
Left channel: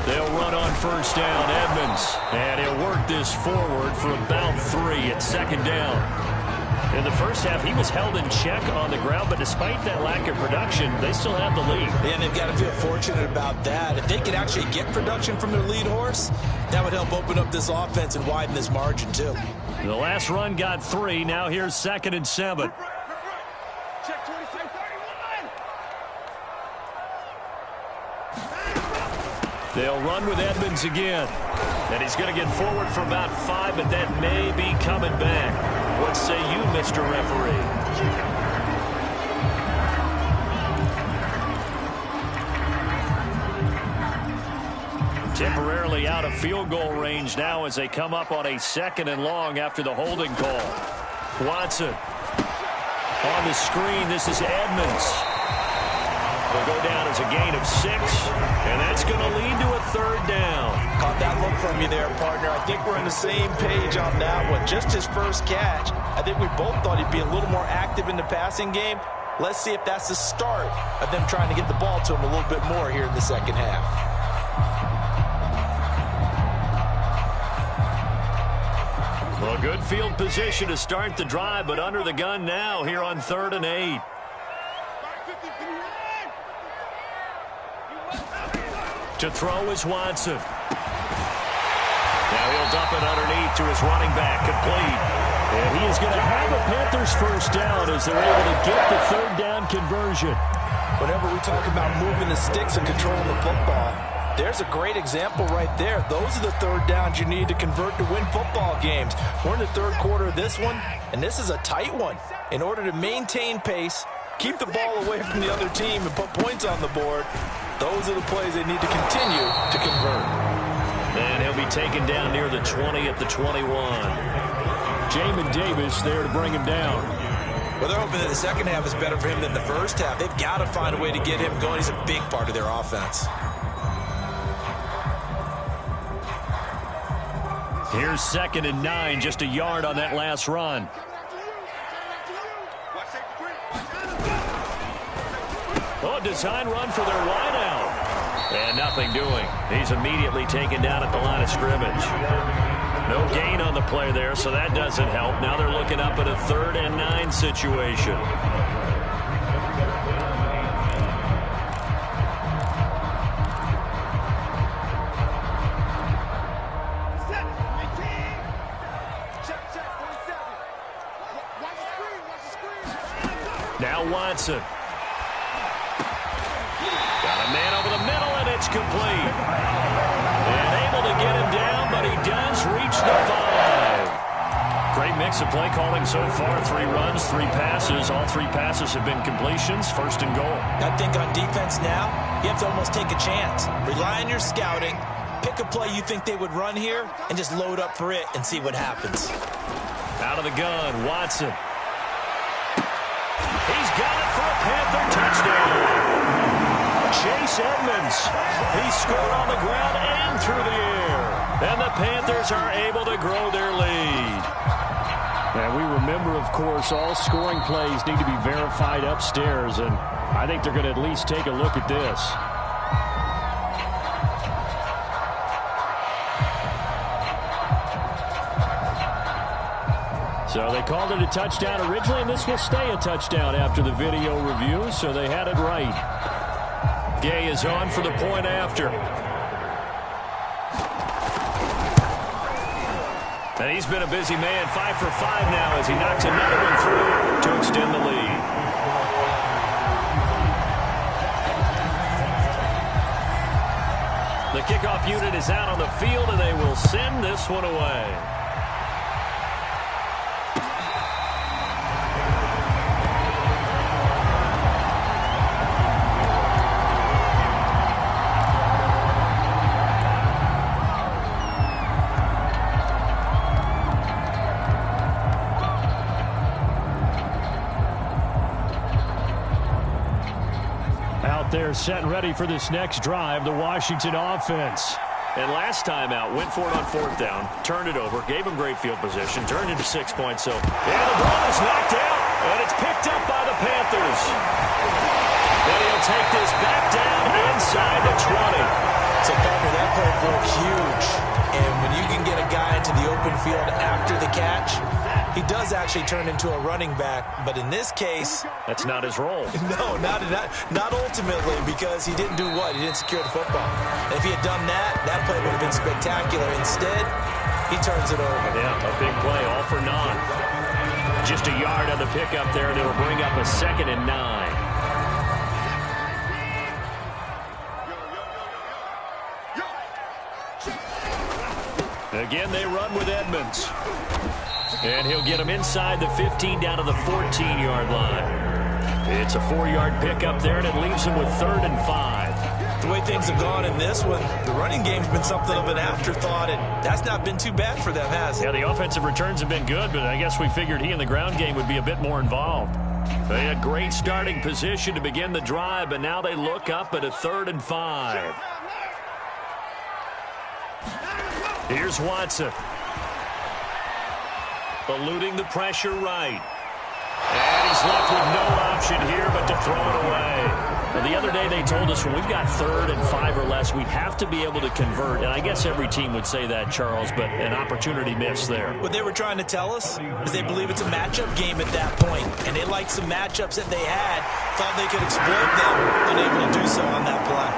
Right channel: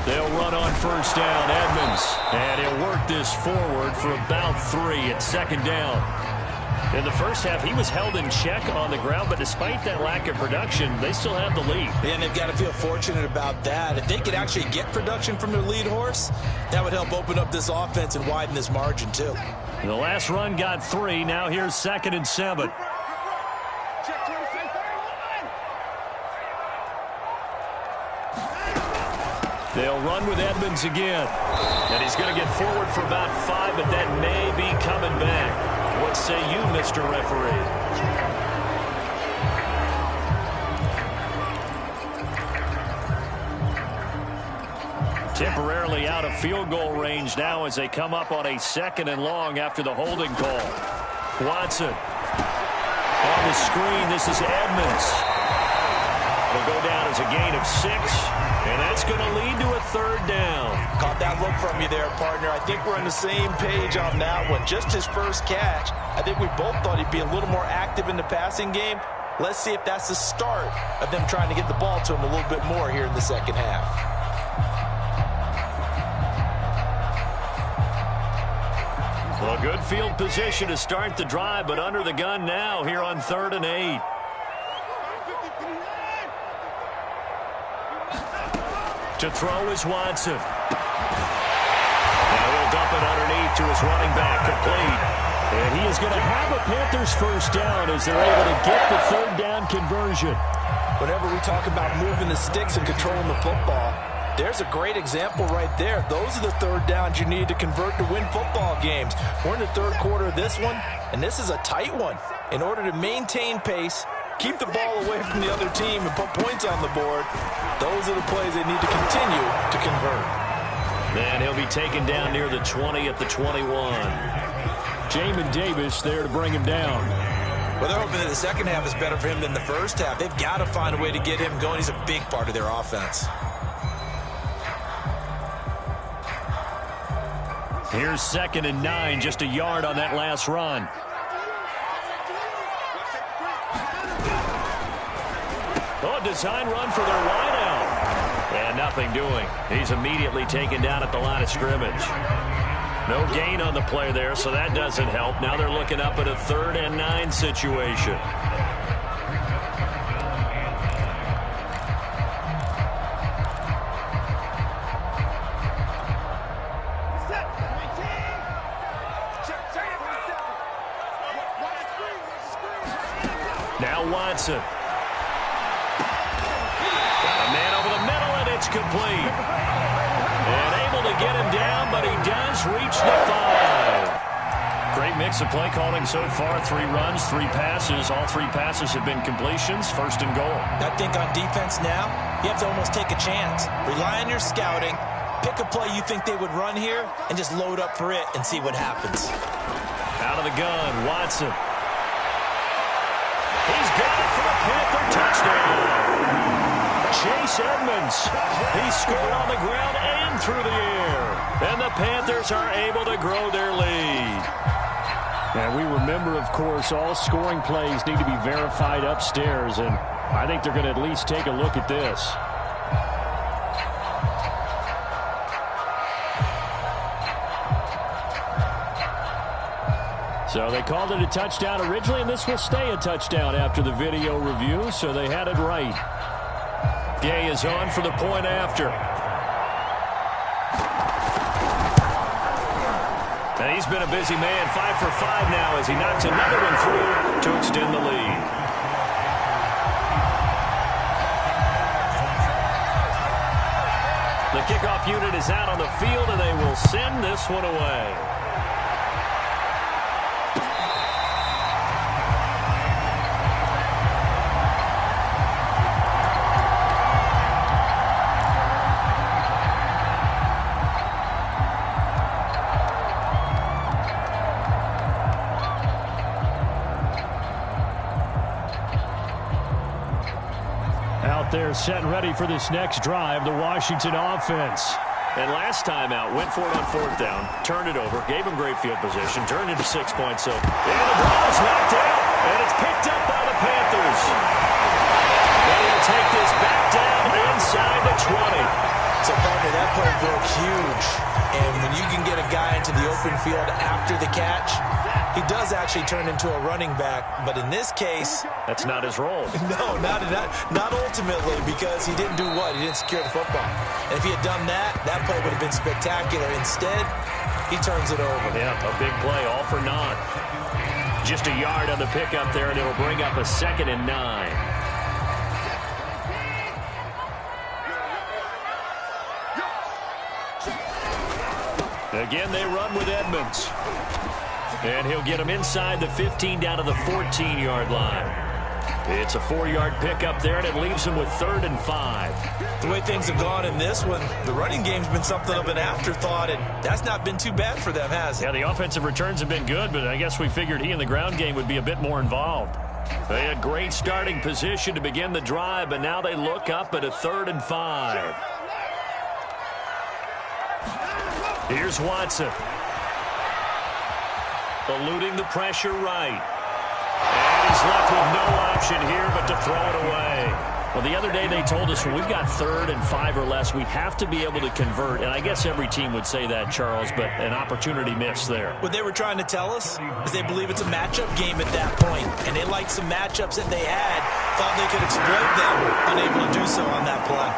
They'll run on 1st down, Edmonds. And he'll work this forward for about 3 at 2nd down. In the first half, he was held in check on the ground, but despite that lack of production, they still have the lead. And they've got to feel fortunate about that. If they could actually get production from their lead horse, that would help open up this offense and widen this margin, too. The last run got 3. Now here's 2nd and 7. Check 27, 31. They'll run with Edmonds again. And he's going to get forward for about 5, but that may be coming back. What say you, Mr. Referee? Temporarily out of field goal range now as they come up on a 2nd and long after the holding call. Watson on the screen. This is Edmonds. It'll go down as a gain of 6, and that's going to lead to a 3rd down. Caught that look from you there, partner. I think we're on the same page on that one. Just his first catch. I think we both thought he'd be a little more active in the passing game. Let's see if that's the start of them trying to get the ball to him a little bit more here in the second half. Well, good field position to start the drive, but under the gun now here on 3rd and 8. To throw is Watson. Now he'll dump it underneath to his running back, complete. And he is going to have a Panthers first down as they're able to get the 3rd down conversion. Whenever we talk about moving the sticks and controlling the football, there's a great example right there. Those are the 3rd downs you need to convert to win football games. We're in the 3rd quarter of this one, and this is a tight one. In order to maintain pace, keep the ball away from the other team, and put points on the board, those are the plays they need to continue to convert. And he'll be taken down near the 20 at the 21. Jamin Davis there to bring him down. Well, they're hoping that the second half is better for him than the first half. They've got to find a way to get him going. He's a big part of their offense. Here's 2nd and 9, just a yard on that last run. Oh, design run for their wideout. And nothing doing. He's immediately taken down at the line of scrimmage. No gain on the play there, so that doesn't help. Now they're looking up at a 3rd and 9 situation. Now Watson. Got a man over the middle, and it's complete. And able to get him down, but he does reach the 5. Great mix of play calling so far. 3 runs, 3 passes. All 3 passes have been completions. 1st and goal. I think on defense now, you have to almost take a chance. Rely on your scouting. Pick a play you think they would run here, and just load up for it and see what happens. Out of the gun, Watson. He's got it for a Panther touchdown. Chase Edmonds. He scored on the ground and through the air. And the Panthers are able to grow their lead. And we remember, of course, all scoring plays need to be verified upstairs. And I think they're going to at least take a look at this. So they called it a touchdown originally, and this will stay a touchdown after the video review, so they had it right. Gay is on for the point after. And he's been a busy man, 5 for 5 now as he knocks another one through to extend the lead. The kickoff unit is out on the field, and they will send this one away. They're set and ready for this next drive, the Washington offense. And last time out, went for it on 4th down, turned it over, gave him great field position, turned into 6 points. So, and the ball is knocked out, and it's picked up by the Panthers. Then he'll take this back down inside the 20. So, partner, that play broke huge. And when you can get a guy into the open field after the catch, he does actually turn into a running back. But in this case, that's not his role. No, not ultimately, because he didn't do what? He didn't secure the football. And if he had done that, that play would have been spectacular. Instead, he turns it over. Yeah, a big play, all for naught. Just a yard on the pickup there, and it'll bring up a 2nd and 9. Again, they run with Edmonds. And he'll get him inside the 15 down to the 14-yard line. It's a 4-yard pickup there, and it leaves him with 3rd and 5. The way things have gone in this one, the running game's been something of an afterthought, and that's not been too bad for them, has it? Yeah, the offensive returns have been good, but I guess we figured he in the ground game would be a bit more involved. They had great starting position to begin the drive, but now they look up at a 3rd and 5. Here's Watson. Eluding the pressure right. And he's left with no option here but to throw it away. Well, the other day they told us when we've got 3rd and 5 or less, we have to be able to convert. And I guess every team would say that, Charles, but an opportunity missed there. What they were trying to tell us is they believe it's a matchup game at that point. And they liked some matchups that they had, thought they could exploit them, unable to do so on that play.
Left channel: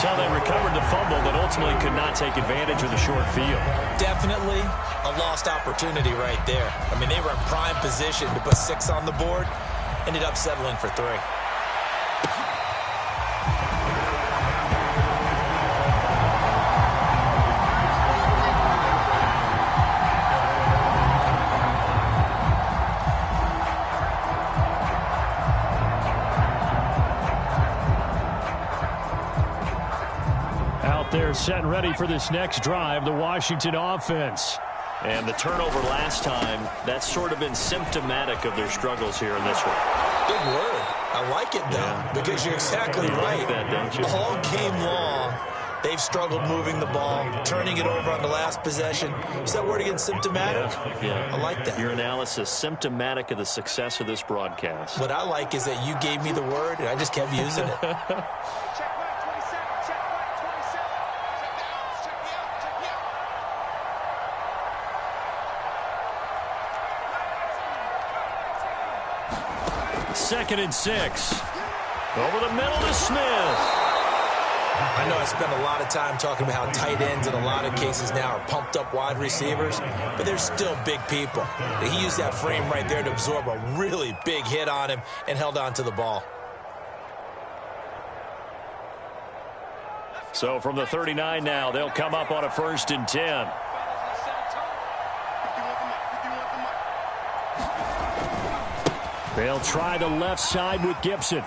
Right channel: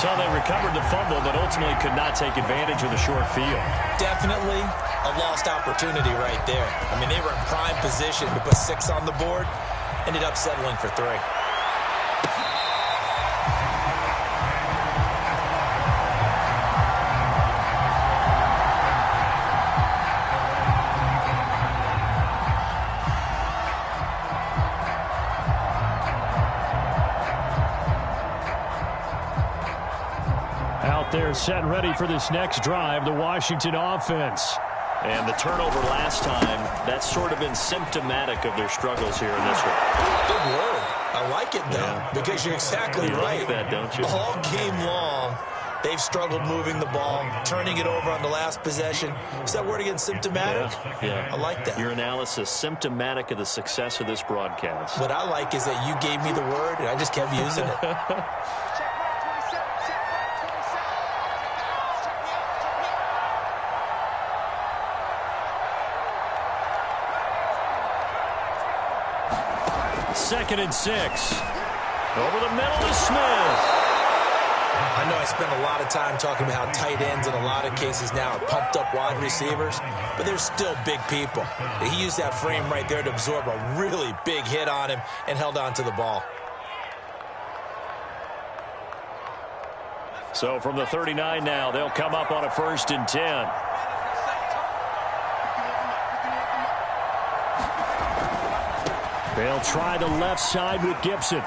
So they recovered the fumble, but ultimately could not take advantage of the short field. Definitely a lost opportunity right there. I mean, they were in prime position to put 6 on the board, ended up settling for 3. Out there set and ready for this next drive, the Washington offense. And the turnover last time, that's sort of been symptomatic of their struggles here in this one. Big word. I like it, though, because you're exactly right. You like that, don't you? All game long, they've struggled moving the ball, turning it over on the last possession. Is that word again, symptomatic? Yeah. I like that. Your analysis, symptomatic of the success of this broadcast. What I like is that you gave me the word, and I just kept using it. Second and 6. Over the middle to Smith. I know I spent a lot of time talking about how tight ends in a lot of cases now are pumped up wide receivers, but they're still big people. He used that frame right there to absorb a really big hit on him and held on to the ball. So from the 39 now, they'll come up on a 1st and 10. They'll try the left side with Gibson.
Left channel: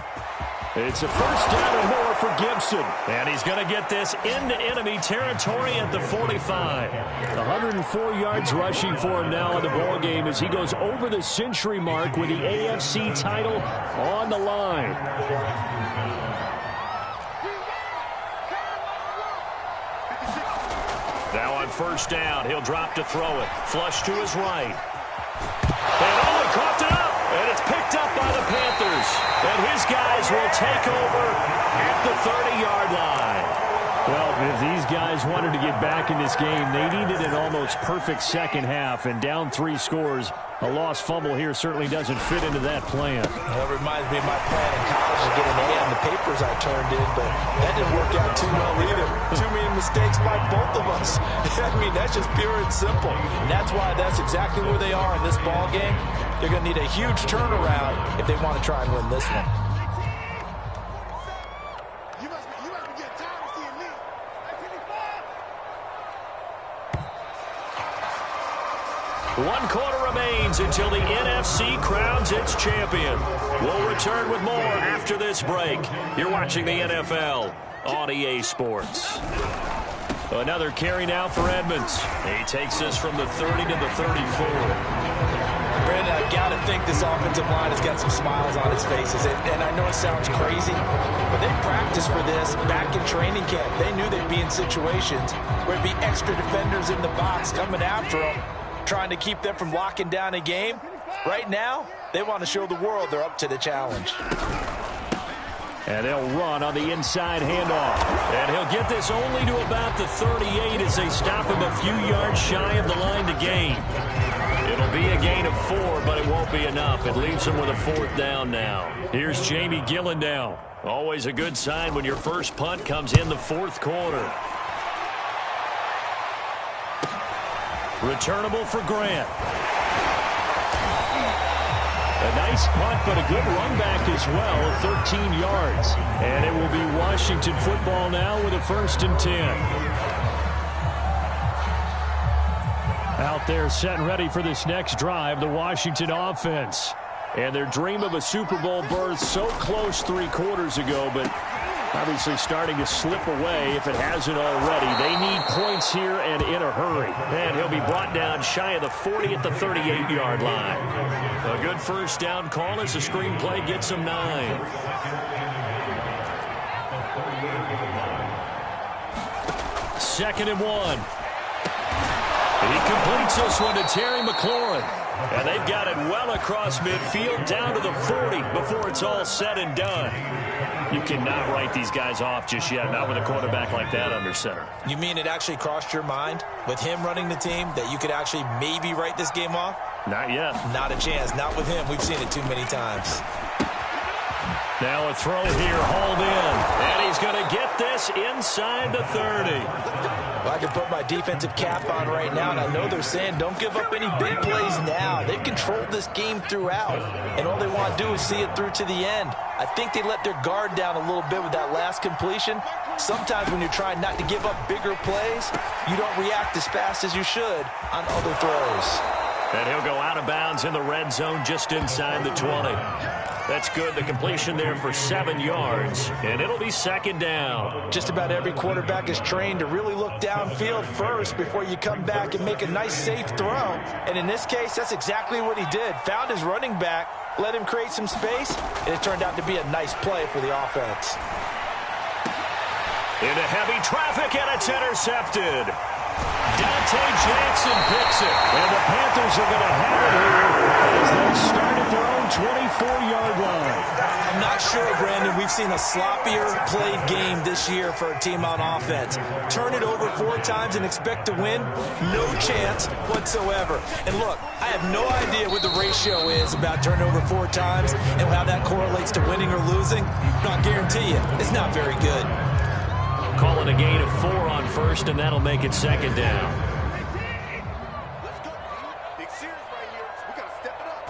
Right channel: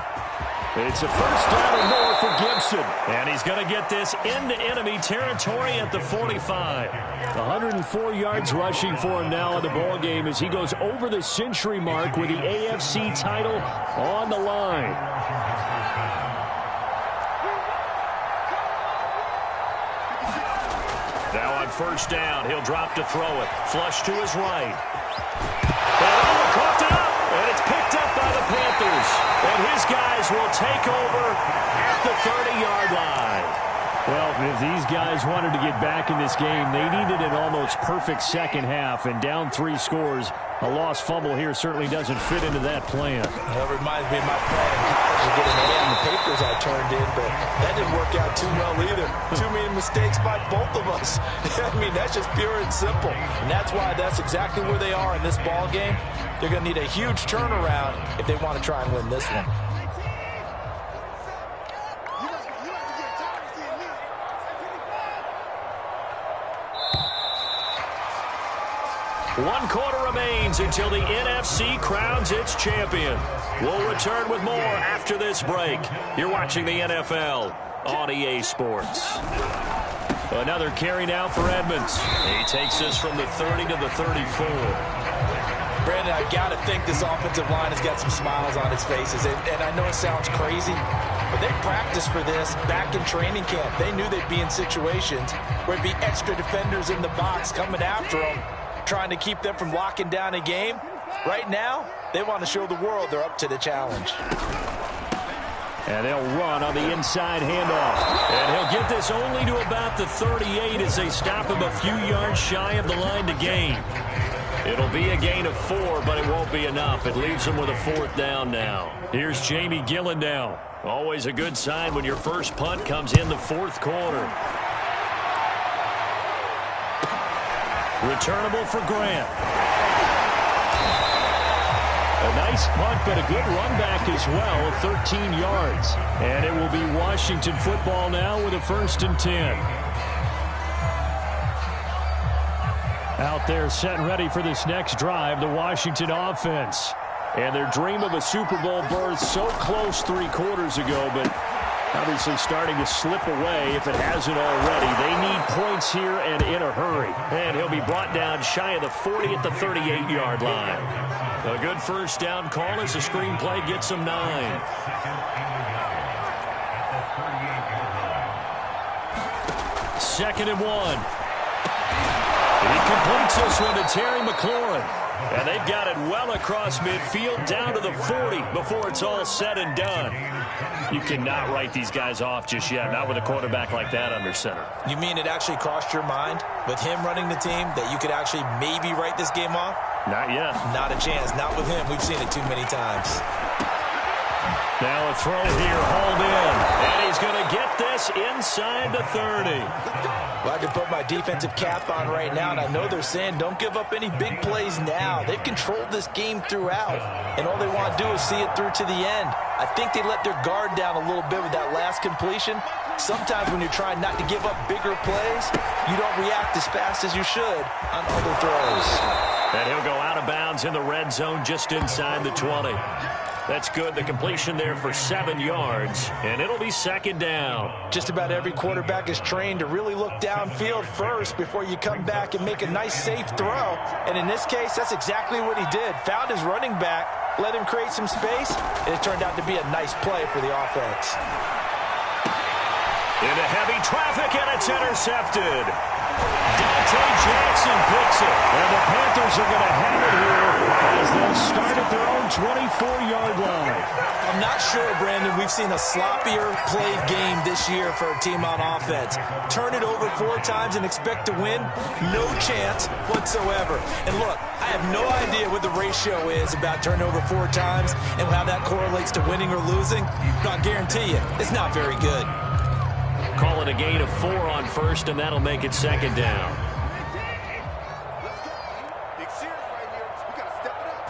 It's a 1st down and more for Gibson. And he's going to get this into enemy territory at the 45. 104 yards rushing for him now in the ball game as he goes over the century mark with the AFC title on the line. Now on 1st down, he'll drop to throw it. Flush to his right. And Owen coughed it up. And it's picked up by the Panthers. And his guys will take over at the 30-yard line. Well, if these guys wanted to get back in this game, they needed an almost perfect second half. And down 3 scores, a lost fumble here certainly doesn't fit into that plan. Well, it reminds me of my plan in college to get an A on the papers I turned in, but that didn't work out too well either. Too many mistakes by both of us. I mean, that's just pure and simple. And that's why that's exactly where they are in this ball game. They're going to need a huge turnaround if they want to try and win this one. One quarter remains until the NFC crowns its champion. We'll return with more after this break. You're watching the NFL on EA Sports. Another carry now for Edmonds. He takes this from the 30 to the 34. Brandon, I've got to think this offensive line has got some smiles on its faces. And I know it sounds crazy, but they practiced for this back in training camp. They knew they'd be in situations where it'd be extra defenders in the box coming after them, trying to keep them from locking down a game. Right now, they want to show the world they're up to the challenge. And they'll run on the inside handoff. And he'll get this only to about the 38 as they stop him a few yards shy of the line to gain. It'll be a gain of 4, but it won't be enough. It leaves him with a 4th down now. Here's Jamie Gillen now. Always a good sign when your first punt comes in the 4th quarter. Returnable for Grant. A nice punt, but a good run back as well, 13 yards. And it will be Washington football now with a 1st and 10. Out there set and ready for this next drive, the Washington offense. And their dream of a Super Bowl berth so close 3 quarters ago, but obviously starting to slip away if it hasn't already. They need points here and in a hurry. And he'll be brought down shy of the 40 at the 38-yard line. A good first down call as the screenplay gets him 9. Second and 1. He completes this one to Terry McLaurin. And they've got it well across midfield down to the 40 before it's all said and done. You cannot write these guys off just yet, not with a quarterback like that under center. You mean it actually crossed your mind with him running the team that you could actually maybe write this game off? Not yet. Not a chance. Not with him. We've seen it too many times. Now a throw here, hauled in. And he's going to get this inside the 30. Well, I can put my defensive cap on right now, and I know they're saying don't give up any big plays now. They've controlled this game throughout, and all they want to do is see it through to the end. I think they let their guard down a little bit with that last completion. Sometimes when you're trying not to give up bigger plays, you don't react as fast as you should on other throws. And he'll go out of bounds in the red zone just inside the 20. That's good. The completion there for 7 yards, and it'll be second down. Just about every quarterback is trained to really look downfield first before you come back and make a nice, safe throw. And in this case, that's exactly what he did. Found his running back, let him create some space, and it turned out to be a nice play for the offense. Into heavy traffic, and it's intercepted. Dante Jackson picks it, and the Panthers are going to have it here as they'll start at their own 24-yard line. I'm not sure, Brandon, we've seen a sloppier played game this year for a team on offense. Turn it over 4 times and expect to win? No chance whatsoever. And look, I have no idea what the ratio is about turning over 4 times and how that correlates to winning or losing. But I guarantee you, it's not very good. Call it a gain of 4 on first, and that'll make it second down. Let's go, team. Big series right here. We got to step it up.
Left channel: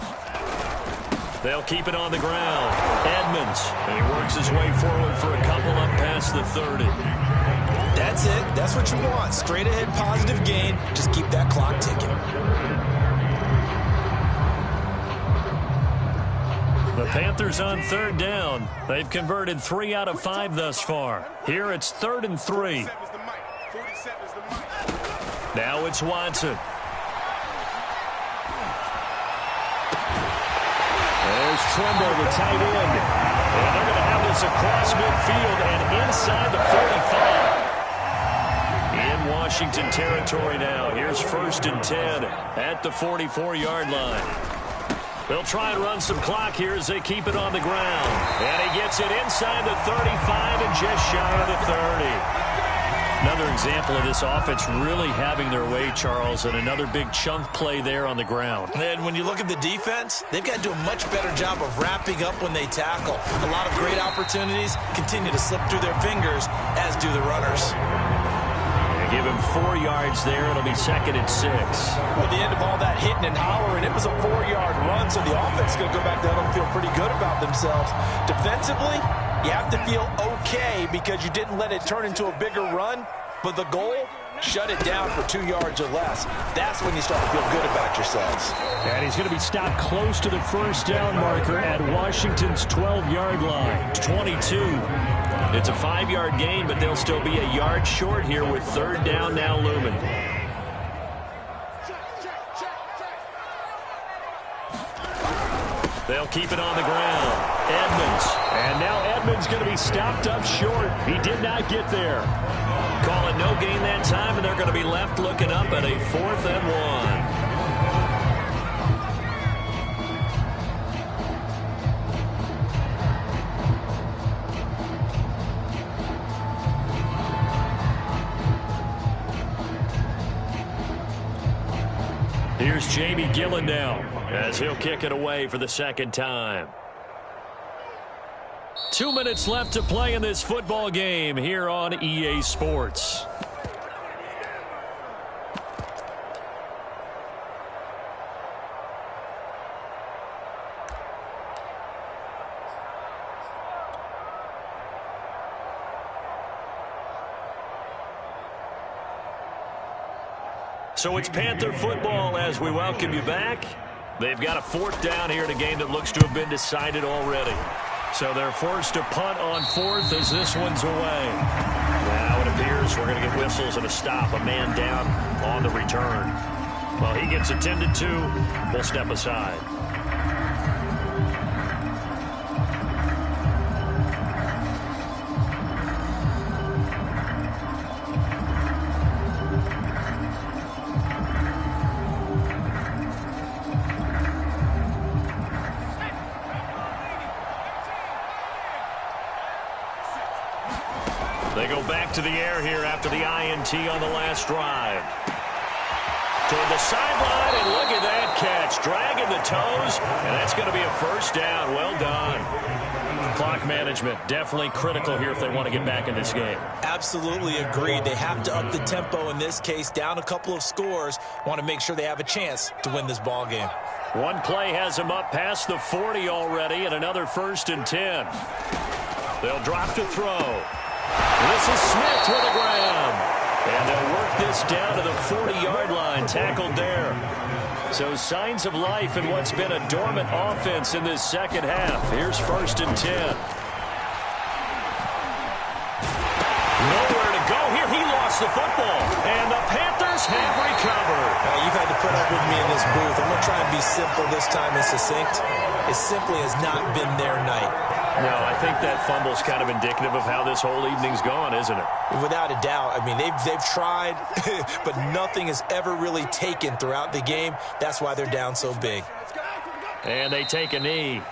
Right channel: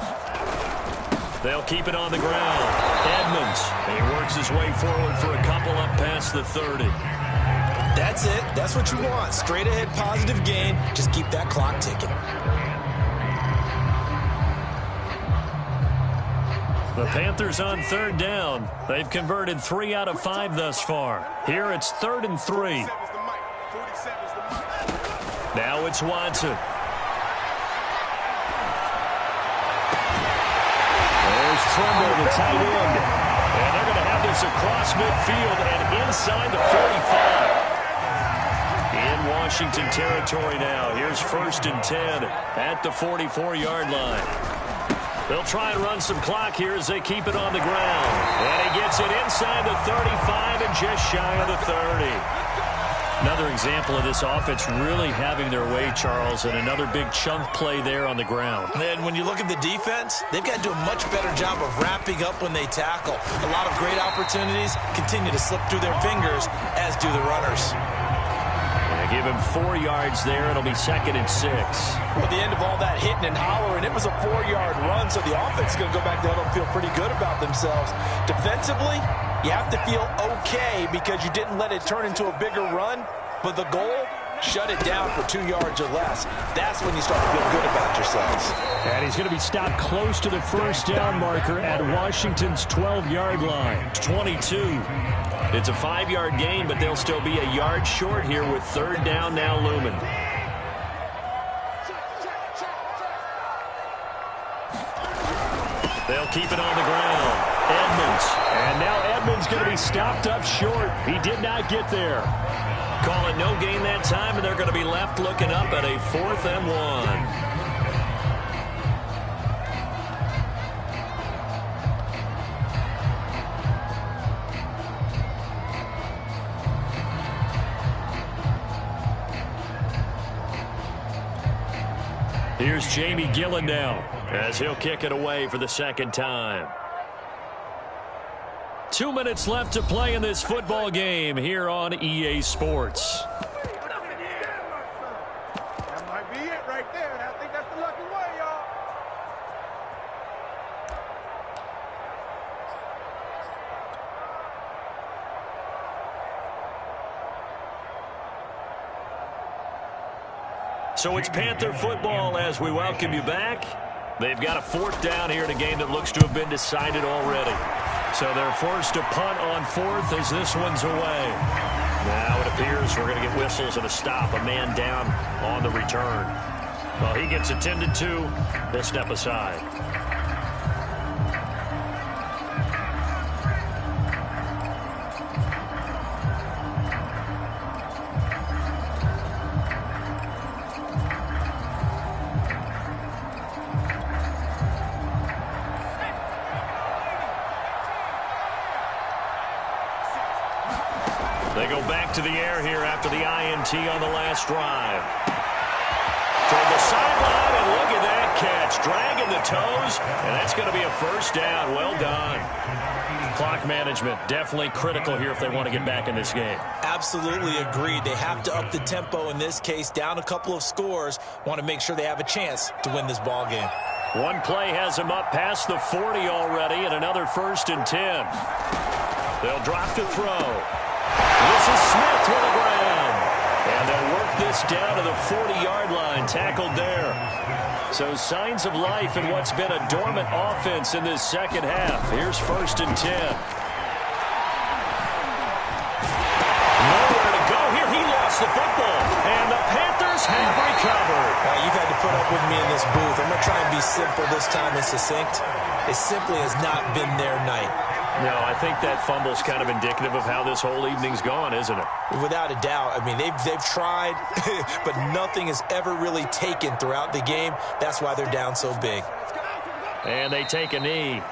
They'll keep it on the ground. Edmonds, and he works his way forward for a couple up past the 30. That's it. That's what you want. Straight ahead positive gain. Just keep that clock ticking. The Panthers on third down. They've converted 3 out of 5 thus far. Here it's 3rd and 3. Now it's Watson. There's Tremble, the tight end. And they're going to have this across midfield and inside the 45. In Washington territory now. Here's 1st and 10 at the 44-yard line. They'll try and run some clock here as they keep it on the ground. And he gets it inside the 35 and just shy of the 30. Another example of this offense really having their way, Charles, and another big chunk play there on the ground. And when you look at the defense, they've got to do a much better job of wrapping up when they tackle. A lot of great opportunities continue to slip through their fingers, as do the runners. Give him 4 yards there. It'll be 2nd and 6. Well, the end of all that hitting and hollering, it was a 4-yard run, so the offense is going to go back down and feel pretty good about themselves. Defensively, you have to feel okay because you didn't let it turn into a bigger run, but the goal, shut it down for 2 yards or less. That's when you start to feel good about yourselves. And he's going to be stopped close to the first down marker at Washington's 12-yard line. 22. It's a 5-yard gain, but they'll still be a yard short here with 3rd down now looming. They'll keep it on the ground. Edmonds. And now Edmonds going to be stopped up short. He did not get there. Call it no gain that time, and they're going to be left looking up at a 4th and 1. Here's Jamie Gillen now as he'll kick it away for the 2nd time. 2 minutes left to play in this football game here on EA Sports. So it's Panther football as we welcome you back. They've got a 4th down here in a game that looks to have been decided already. So they're forced to punt on 4th as this one's away. Now it appears we're going to get whistles and a stop, a man down on the return. Well, he gets attended to. We'll step aside. go back to the air here after the INT on the last drive. Toward the sideline, and look at that catch. Dragging the toes, and that's going to be a first down. Well done. Clock management, definitely critical here if they want to get back in this game. Absolutely agreed. They have to up the tempo in this case, down a couple of scores. Want to make sure they have a chance to win this ball game. One play has them up past the 40 already, and another 1st and 10. They'll drop to throw. This is Smith with a grab. And they'll work this down to the 40-yard line, tackled there. So signs of life in what's been a dormant offense in this second half. Here's 1st and 10. Nowhere to go here. He lost the football. And the Panthers have recovered. You've had to put up with me in this booth. I'm going to try and be simple this time and succinct. It simply has not been their night. No, I think that fumble's kind of indicative of how this whole evening's gone, isn't it? Without a doubt. I mean, they've tried, but nothing is ever really taken throughout the game. That's why they're down so big. And they take a knee.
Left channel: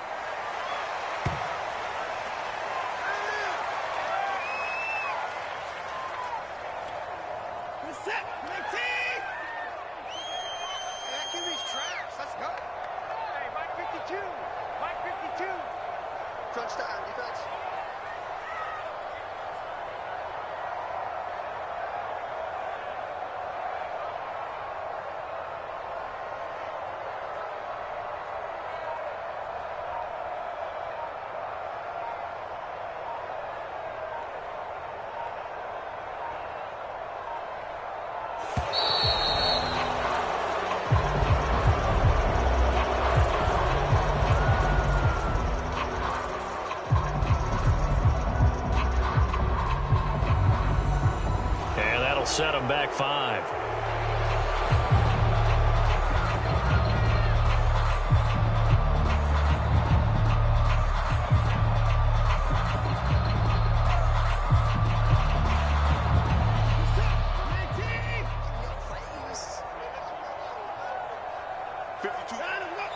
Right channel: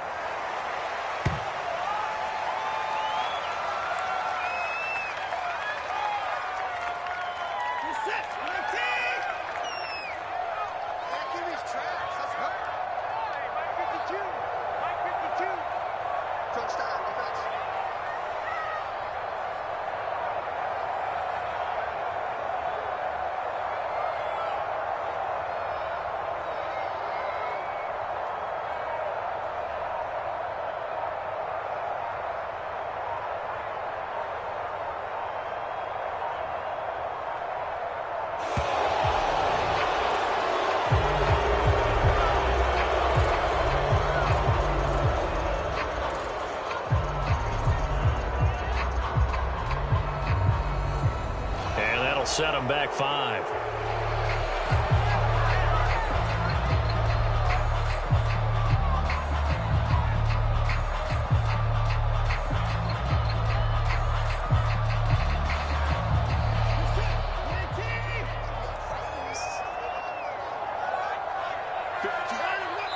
Set them back 5.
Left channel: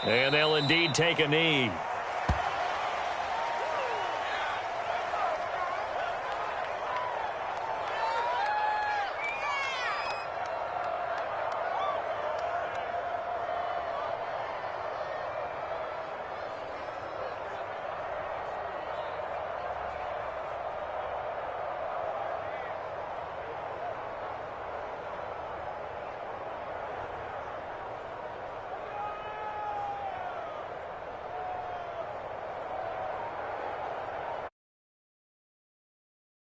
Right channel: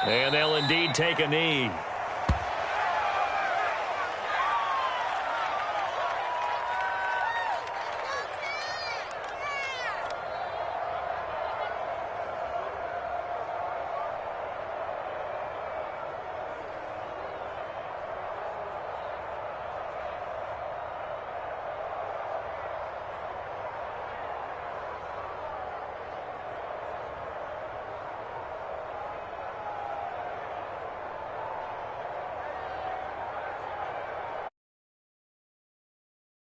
And they'll indeed take a knee.